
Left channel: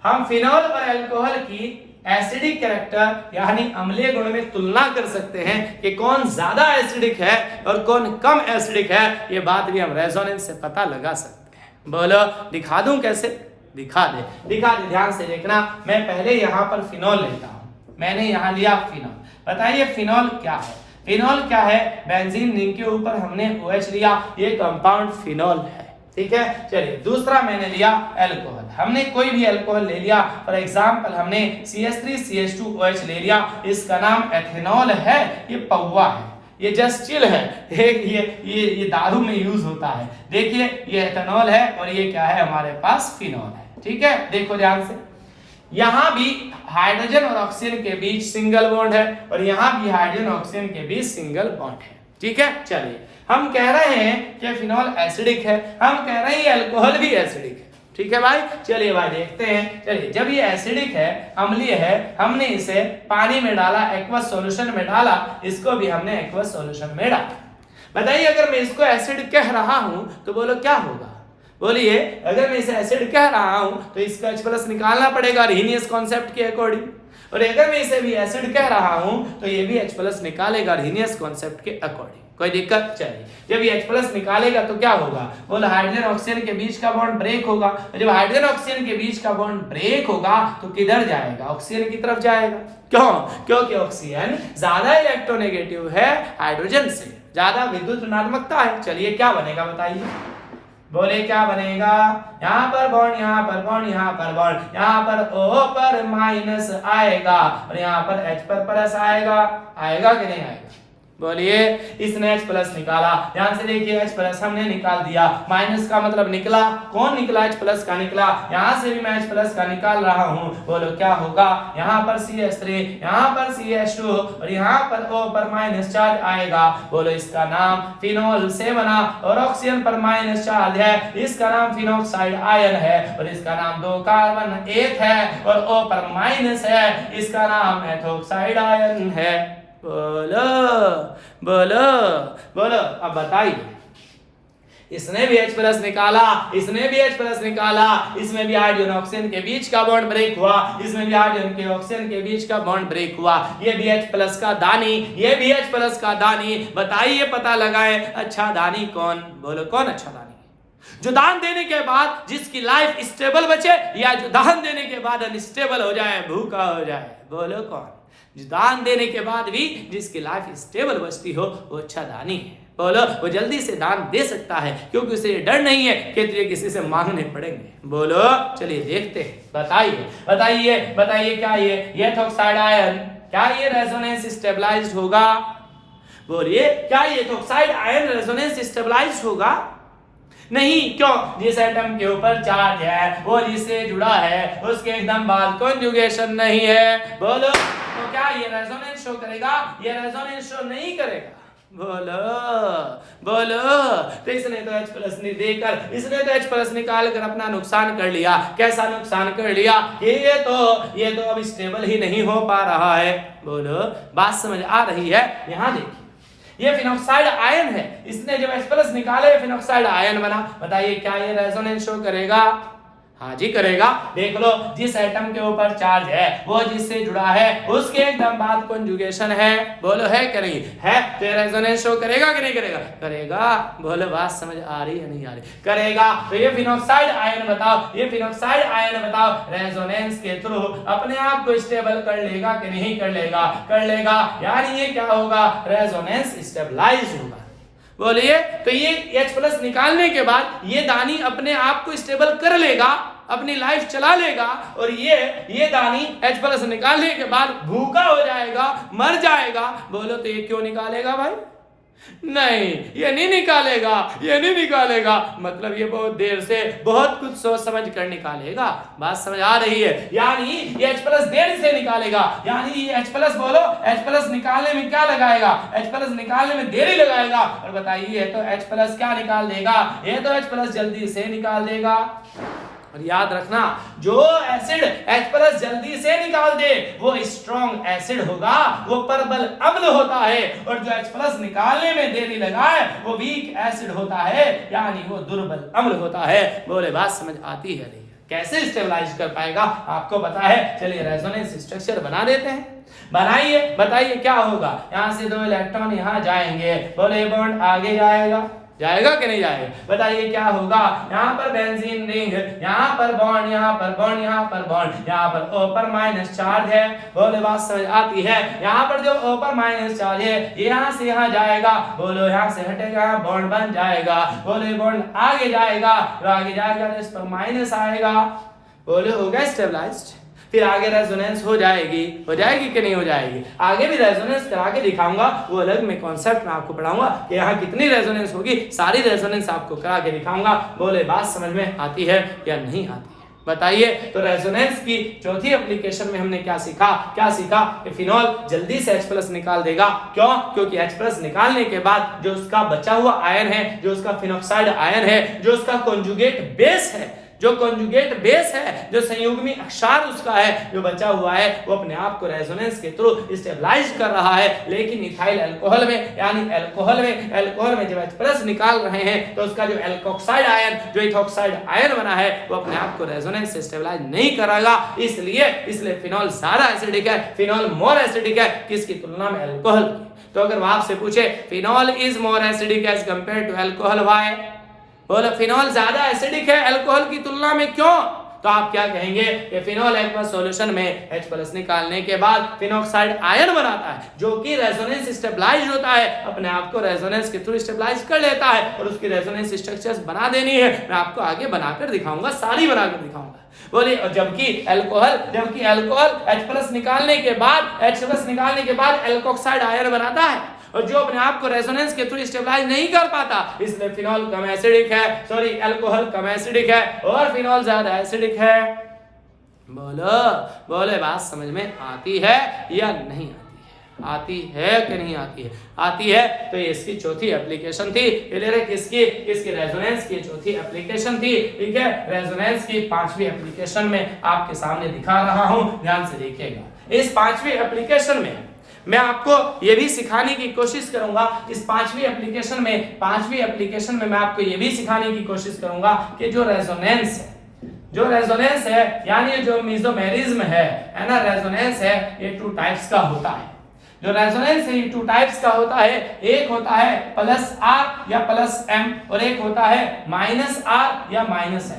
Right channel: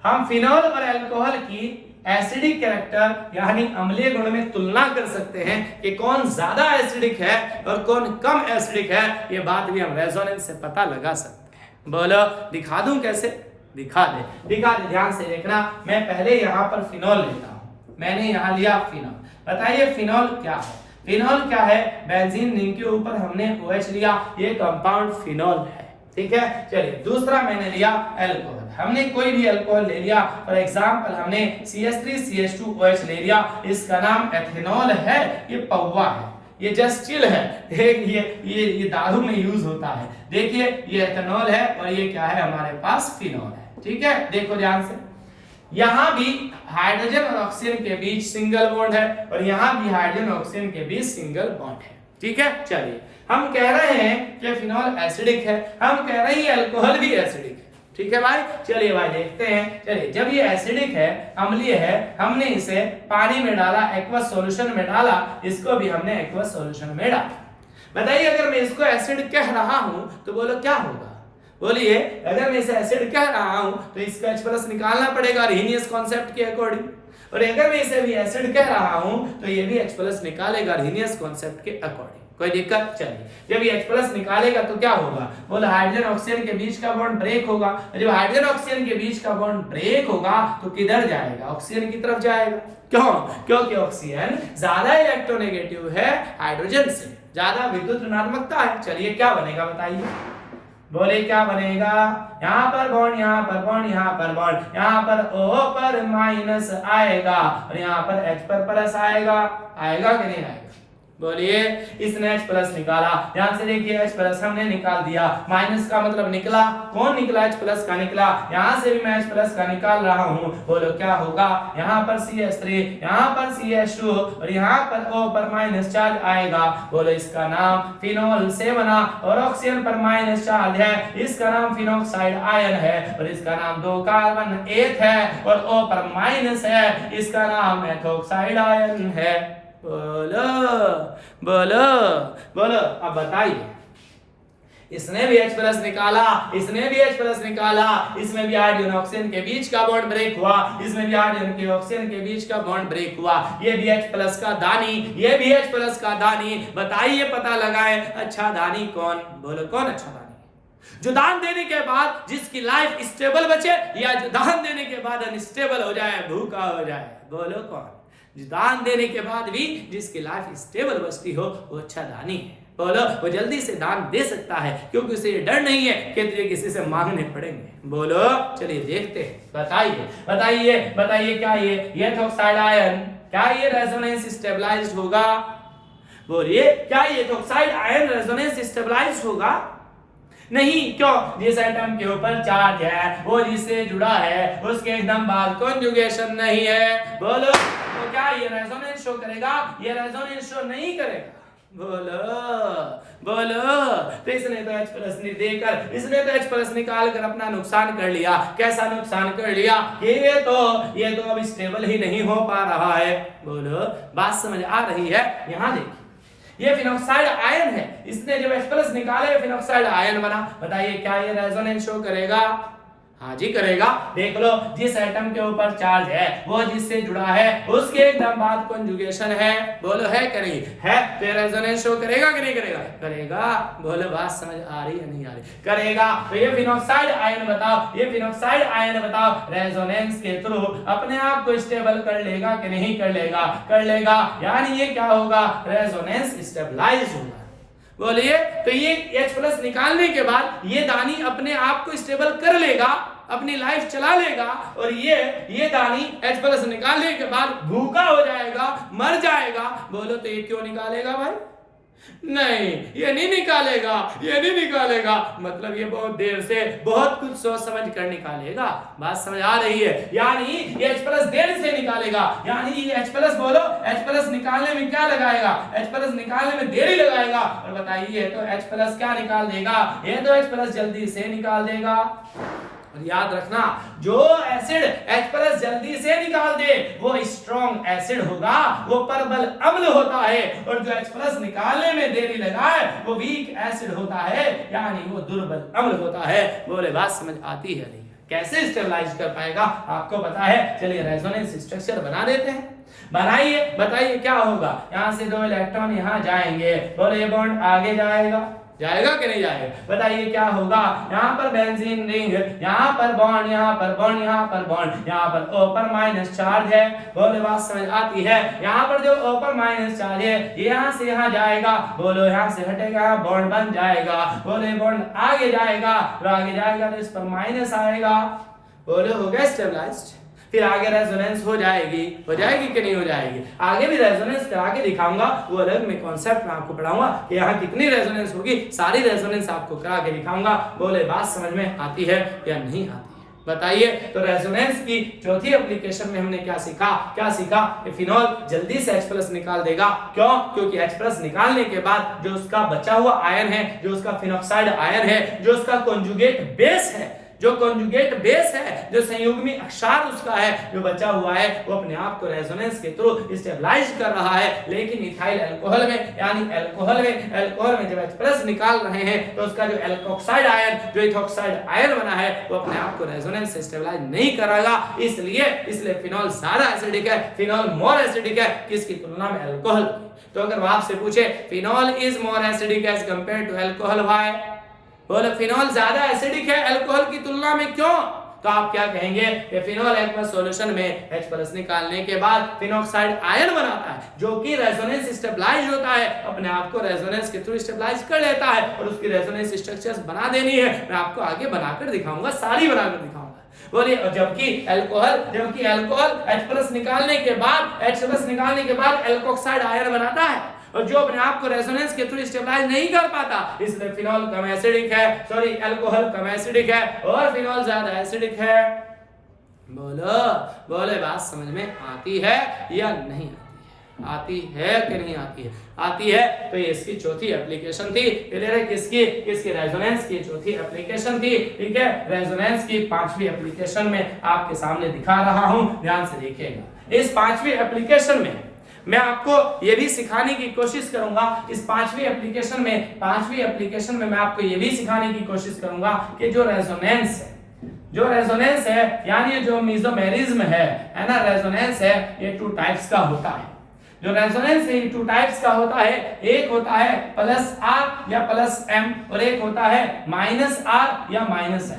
हम फिनॉल और अल्कोहल की एसिडिक कैरेक्टर यानी अम्लीय गुण में तुलना कर सकते हैं कि कौन ज्यादा एसिडिक है और कौन कम एसिडिक है। ये बात भी हम रेजोनेंस से पता लगा सकते हैं। बोलो दिखा दूं कैसे? दिखा दे। ध्यान से देखना। मैं पहले यहाँ पर फिनॉल लेता हूँ। मैंने यहाँ लिया फिनॉल। बताइए फिनॉल क्या है? फिनॉल क्या है? बेंजीन रिंग के ऊपर हमने OH लिया, ये कंपाउंड फिनॉल है। ठीक है, चलिए दूसरा मैंने लिया अल्कोहल। हमने कोई भी अल्कोहल ले लिया, फॉर एग्जांपल हमने CH3CH2OH ले लिया, इसका नाम एथेनॉल है। ये पौवा है, ये जस्ट चिल है, ये दारू में यूज होता है। देखिए ये एथेनॉल है और ये क्या है? हमारे पास फिनॉल है। ठीक है, देखो ध्यान से, यहां भी हाइड्रोजन और ऑक्सीजन के बीच सिंगल बॉन्ड है और यहां भी हाइड्रोजन और ऑक्सीजन के बीच सिंगल बॉन्ड है। ठीक है। चलिए हम कह रहे हैं कि फिनॉल एसिडिक है, हम कह रहे हैं अल्कोहल भी एसिडिक है, ठीक है भाई। चलिए भाई देखते हैं। चलिए जब ये एसिडिक है, अम्लीय है, हमने इसे पानी में डाला, एक्वस सॉल्यूशन में डाला, इसको भी हमने एक्वस सॉल्यूशन में डाला। बताइए अगर मैं इसको एसिड कह रहा हूं तो बोलो क्या होगा? बोलिए अगर मैं इसे एसिड कह रहा हूं तो इसको H+ निकालना पड़ेगा रीनियस कॉन्सेप्ट के अकॉर्डिंग, और अगर मैं इसे भी एसिड कह रहा हूं तो ये भी H+ निकालेगा रीनियस कॉन्सेप्ट के अकॉर्डिंग। कोई दिक्कत? चलिए जब ये H+ निकालेगा तो क्या होगा? बोलो हाइड्रोजन ऑक्सीजन के बीच का बॉन्ड ब्रेक होगा। जब हाइड्रोजन ऑक्सीजन के बीच का बॉन्ड ब्रेक होगा तो किधर जाएगा? ऑक्सीजन की तरफ जाएगा। क्यों? क्योंकि ऑक्सीजन ज्यादा इलेक्ट्रोनेगेटिव है हाइड्रोजन से, ज्यादा विद्युत ऋणात्मकता है। चलिए क्या बनेगा बताइए? बोले क्या बनेगा? यहाँ पर बॉन्ड, यहाँ पर बॉन्ड, यहाँ पर बॉन्ड, यहाँ पर O पर माइनस आएगा और यहाँ पर H पर प्लस आएगा। आएगा कि नहीं आएगा? बोलिए इसने H+ निकाला, ध्यान से देखिए H+ हमने निकाल दिया, माइनस का मतलब निकला, कौन निकला? H+ का निकला। यहाँ से भी मैं H+ का निकाल रहा हूँ, बोलो क्या होगा? यहाँ पर CH3, यहाँ पर CH2 और यहाँ पर O पर माइनस चार्ज आएगा। बोलो इसका नाम फिनॉल से बना और ऑक्सीजन पर माइनस चार्ज है, इसका नाम फिनॉक्साइड आयन है और इसका नाम 2 कार्बन 1 है और O पर माइनस है, इसका नाम मेथॉक्साइड आयन है। बोलो बोलो बोलो। अब बताइए इसने भी H+ निकाला, इसने भी H+ निकाला, इसमें भी हाइड्रोजन ऑक्सीजन के बीच का बॉन्ड ब्रेक हुआ, इसमें भी हाइड्रोजन के ऑक्सीजन के बीच का बॉन्ड ब्रेक हुआ। ये भी H+ का दानी, ये भी H+ का दानी। बताइए पता लगाएं अच्छा दानी कौन? बोलो कौन अच्छा दानी? जो दान देने के बाद जिसकी लाइफ स्टेबल बचे या जो दान देने के बाद अनस्टेबल हो जाए, भूखा हो जाए? बोलो कौन? जो दान देने के बाद भी जिसकी लाइफ स्टेबल बचती हो वो अच्छा दानी है। बोलो वो जल्दी से दान दे सकता है क्योंकि उसे डर नहीं है कि तुझे किसी से मांगने पड़ेंगे। बोलो चलिए देखते हैं। बताइए बताइए बताइए क्या ये मेथॉक्साइड आयन, क्या ये रेजोनेंस स्टेबलाइज्ड होगा? बोलिए क्या ये मेथॉक्साइड आयन रेजोनेंस स्टेबलाइज्ड होगा? नहीं। क्यों? जिस एटम के ऊपर चार्ज है वो जिससे जुड़ा है उसके एकदम बाद कॉन्जुगेशन नहीं है। बोलो तो क्या ये रेजोनेंस शो करेगा? ये रेजोनेंस शो नहीं करेगा। बोलो बोलो। तो इसने तो H+ नहीं देकर, इसने तो H+ निकाल कर अपना नुकसान कर लिया। कैसा नुकसान कर लिया? ये तो अब स्टेबल ही नहीं हो पा रहा है। बोलो बात समझ आ रही है? यहाँ देखिए ये फिनॉक्साइड आयन है, इसने जब H+ निकाला ये फिनॉक्साइड आयन बना। बताइए क्या ये रेजोनेंस शो करेगा? हाँ जी करेगा। देख लो जिस एटम के ऊपर चार्ज है वो जिससे जुड़ा है उसके एकदम बाद कॉन्जुगेशन है। बोलो है कि नहीं है? तो ये रेजोनेंस शो करेगा कि नहीं करेगा? करेगा। बोलो बात समझ आ रही है नहीं आ रही? करेगा। तो ये फिनॉक्साइड आयन बताओ, ये फिनॉक्साइड आयन बताओ रेजोनेंस के थ्रू अपने आप को स्टेबल कर लेगा कि नहीं कर लेगा? कर लेगा। यानी ये क्या होगा? रेजोनेंस स्टेबलाइज होगा। बोलिए तो ये H+ निकालने के बाद ये दानी अपने आप को स्टेबल कर लेगा, अपनी लाइफ चला लेगा, और ये दानी H+ निकालने के बाद भूखा हो जाएगा, मर जाएगा। बोलो तो ये क्यों निकालेगा भाई? नहीं ये नहीं निकालेगा, ये नहीं निकालेगा। मतलब ये बहुत देर से बहुत कुछ सोच समझ कर निकालेगा। बात समझ आ रही है? यानी ये H+ देर से निकालेगा, यानी ये H+ बोलो H+ निकालने में क्या लगाएगा? H+ निकालने में देरी लगाएगा। और बताइए तो H+ क्या निकाल देगा? ये तो H+ जल्दी से निकाल देगा। और याद रखना जो एसिड H+ जल्दी से निकाल दे वो स्ट्रॉन्ग एसिड होगा, वो प्रबल अम्ल होता है, और जो H+ निकालने में देरी लगाए वो वीक एसिड होता है, यानी वो दुर्बल अम्ल होता है। बोले बात समझ आती है नहीं? कैसे स्टेबलाइज कर पाएगा आपको पता है? चलिए रेजोनेंस स्ट्रक्चर बना देते हैं। बनाइए बताइए क्या होगा? यहाँ से 2 इलेक्ट्रॉन यहाँ जाएंगे। बोले बॉन्ड आगे जाएगा, जाएगा कि नहीं जाएगा? बताइए क्या होगा? यहाँ पर बेंजीन रिंग, यहाँ पर बॉन्ड, यहाँ पर बॉन्ड, यहाँ पर बॉन्ड, यहाँ पर O पर माइनस चार्ज है। बोले बात समझ आती है? यहाँ पर जो O पर माइनस चार्ज है ये यहाँ से यहाँ जाएगा। बोलो यहाँ से हटेगा, बॉन्ड बन जाएगा। बोले बॉन्ड आगे जाएगा, तो आगे जाएगा तो इस पर माइनस आएगा। बोले हो गया स्टेबलाइज्ड। फिर आगे रेजोनेंस हो जाएगी कि नहीं हो जाएगी? आगे भी रेजोनेंस करा के दिखाऊंगा, वो अलग में कॉन्सेप्ट में आपको पढ़ाऊंगा कि यहाँ कितनी रेजोनेंस होगी, सारी रेजोनेंस आपको करा के दिखाऊंगा। बोले बात समझ में आती है या नहीं आती है? बताइए। तो रेजोनेंस की चौथी एप्लीकेशन में हमने क्या सीखा कि फिनॉल जल्दी से H+ निकाल देगा। क्यों? क्योंकि H+ निकालने के बाद जो उसका बचा हुआ आयन है, जो उसका फिनॉक्साइड आयन है, जो उसका कॉन्जुगेट बेस है, जो संयुग्मी अक्षार उसका है, जो बचा हुआ है, वो अपने आप को रेजोनेंस के थ्रू स्टेबलाइज कर रहा है। लेकिन इथाइल अल्कोहल में यानी अल्कोहल में जब H+ निकाल रहे हैं तो उसका जो एल्कोक्साइड आयन, जो इथॉक्साइड आयन बना है, वो अपने आप को रेजोनेंस से स्टेबलाइज नहीं करेगा। इसलिए फिनॉल ज्यादा एसिडिक है, फिनॉल मोर एसिडिक है किसकी तुलना में? अल्कोहल। तो अगर वो आपसे पूछे phenol is more acidic as compare to alcohol, why? बोले फिनॉल ज्यादा एसिडिक है अल्कोहल की तुलना में, क्यों? तो आप क्या कहेंगे कि फिनॉल एक्वस सॉल्यूशन में H+ निकालने के बाद फिनॉक्साइड आयन बनाता है, जो कि रेजोनेंस स्टेबलाइज होता है, अपने आप को रेजोनेंस के थ्रू स्टेबलाइज कर लेता है। और उसकी रेजोनेंस स्ट्रक्चर्स बना देनी है, मैं आपको आगे बनाकर दिखाऊंगा, सारी बनाकर दिखाऊंगा। बोलिए, और जबकि अल्कोहल H+ निकालने के बाद एल्कोक्साइड आयन बनाता है, और जो अपने आप को रेजोनेंस के थ्रू स्टेबलाइज नहीं कर पाता, इसलिए फिनॉल कम एसिडिक है, अल्कोहल कम एसिडिक है और फिनॉल ज्यादा एसिडिक है। बोले बात समझ में आती है या नहीं आती है कि नहीं आती है? आती है। तो ये इसकी चौथी एप्लीकेशन थी। किसकी रेजोनेंस की चौथी एप्लीकेशन थी। ठीक है, रेजोनेंस की पांचवी एप्लीकेशन में आपके सामने दिखा रहा हूं, ध्यान से देखिएगा। इस पांचवी एप्लीकेशन में मैं आपको ये भी सिखाने की कोशिश करूंगा, इस पांचवी एप्लीकेशन में मैं आपको ये भी सिखाने की कोशिश करूंगा कि जो रेजोनेंस है यानी जो मेसोमेरिज्म है ना, रेजोनेंस है, ये 2 टाइप्स का होता है। जो रेजोनेंस है 2 टाइप्स का होता है। एक होता है +R या +M और एक होता है -R या -M।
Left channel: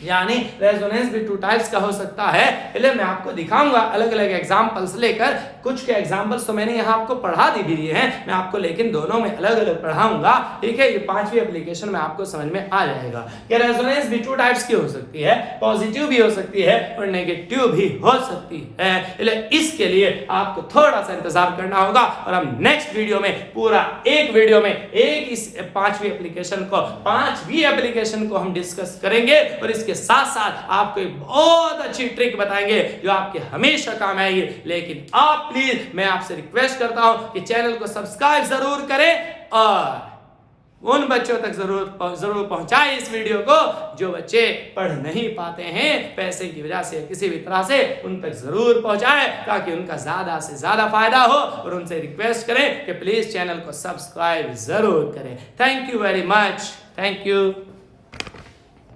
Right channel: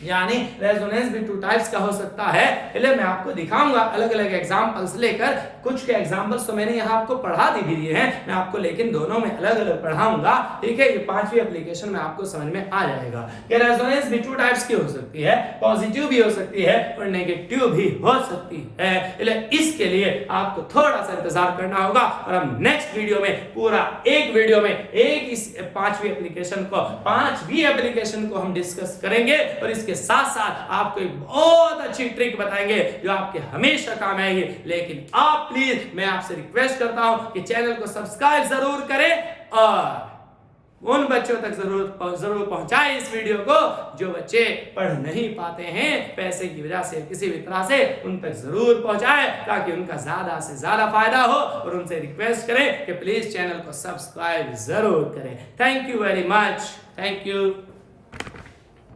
यानी रेजोनेंस भी 2 टाइप्स का हो सकता है। इसलिए मैं आपको दिखाऊंगा अलग अलग एग्जांपल्स लेकर। कुछ के एग्जांपल्स तो मैंने यहाँ आपको पढ़ा भी दिए हैं, मैं आपको लेकिन दोनों में अलग अलग पढ़ाऊंगा। ठीक है, ये पांचवी एप्लीकेशन में आपको समझ में आ जाएगा कि रेजोनेंस भी 2 टाइप्स की हो सकती है, पॉजिटिव भी हो सकती है और नेगेटिव भी हो सकती है। इसलिए इसके लिए आपको थोड़ा सा इंतजार करना होगा और हम नेक्स्ट वीडियो में पूरा एक वीडियो में इस पांचवी एप्लीकेशन को हम डिस्कस करेंगे और इसके साथ साथ आपको एक बहुत अच्छी ट्रिक बताएंगे जो आपके हमेशा काम आएगी। लेकिन आप प्लीज, मैं आपसे रिक्वेस्ट करता हूं कि चैनल को सब्सक्राइब जरूर करें और उन बच्चों तक जरूर पहुंचाएं इस वीडियो को जो बच्चे पढ़ नहीं पाते हैं पैसे की वजह से, किसी भी तरह से, उन तक जरूर पहुंचाएं ताकि उनका ज्यादा से ज्यादा फायदा हो। और उनसे रिक्वेस्ट करें कि प्लीज चैनल को सब्सक्राइब जरूर करें। Thank you very much. Thank you.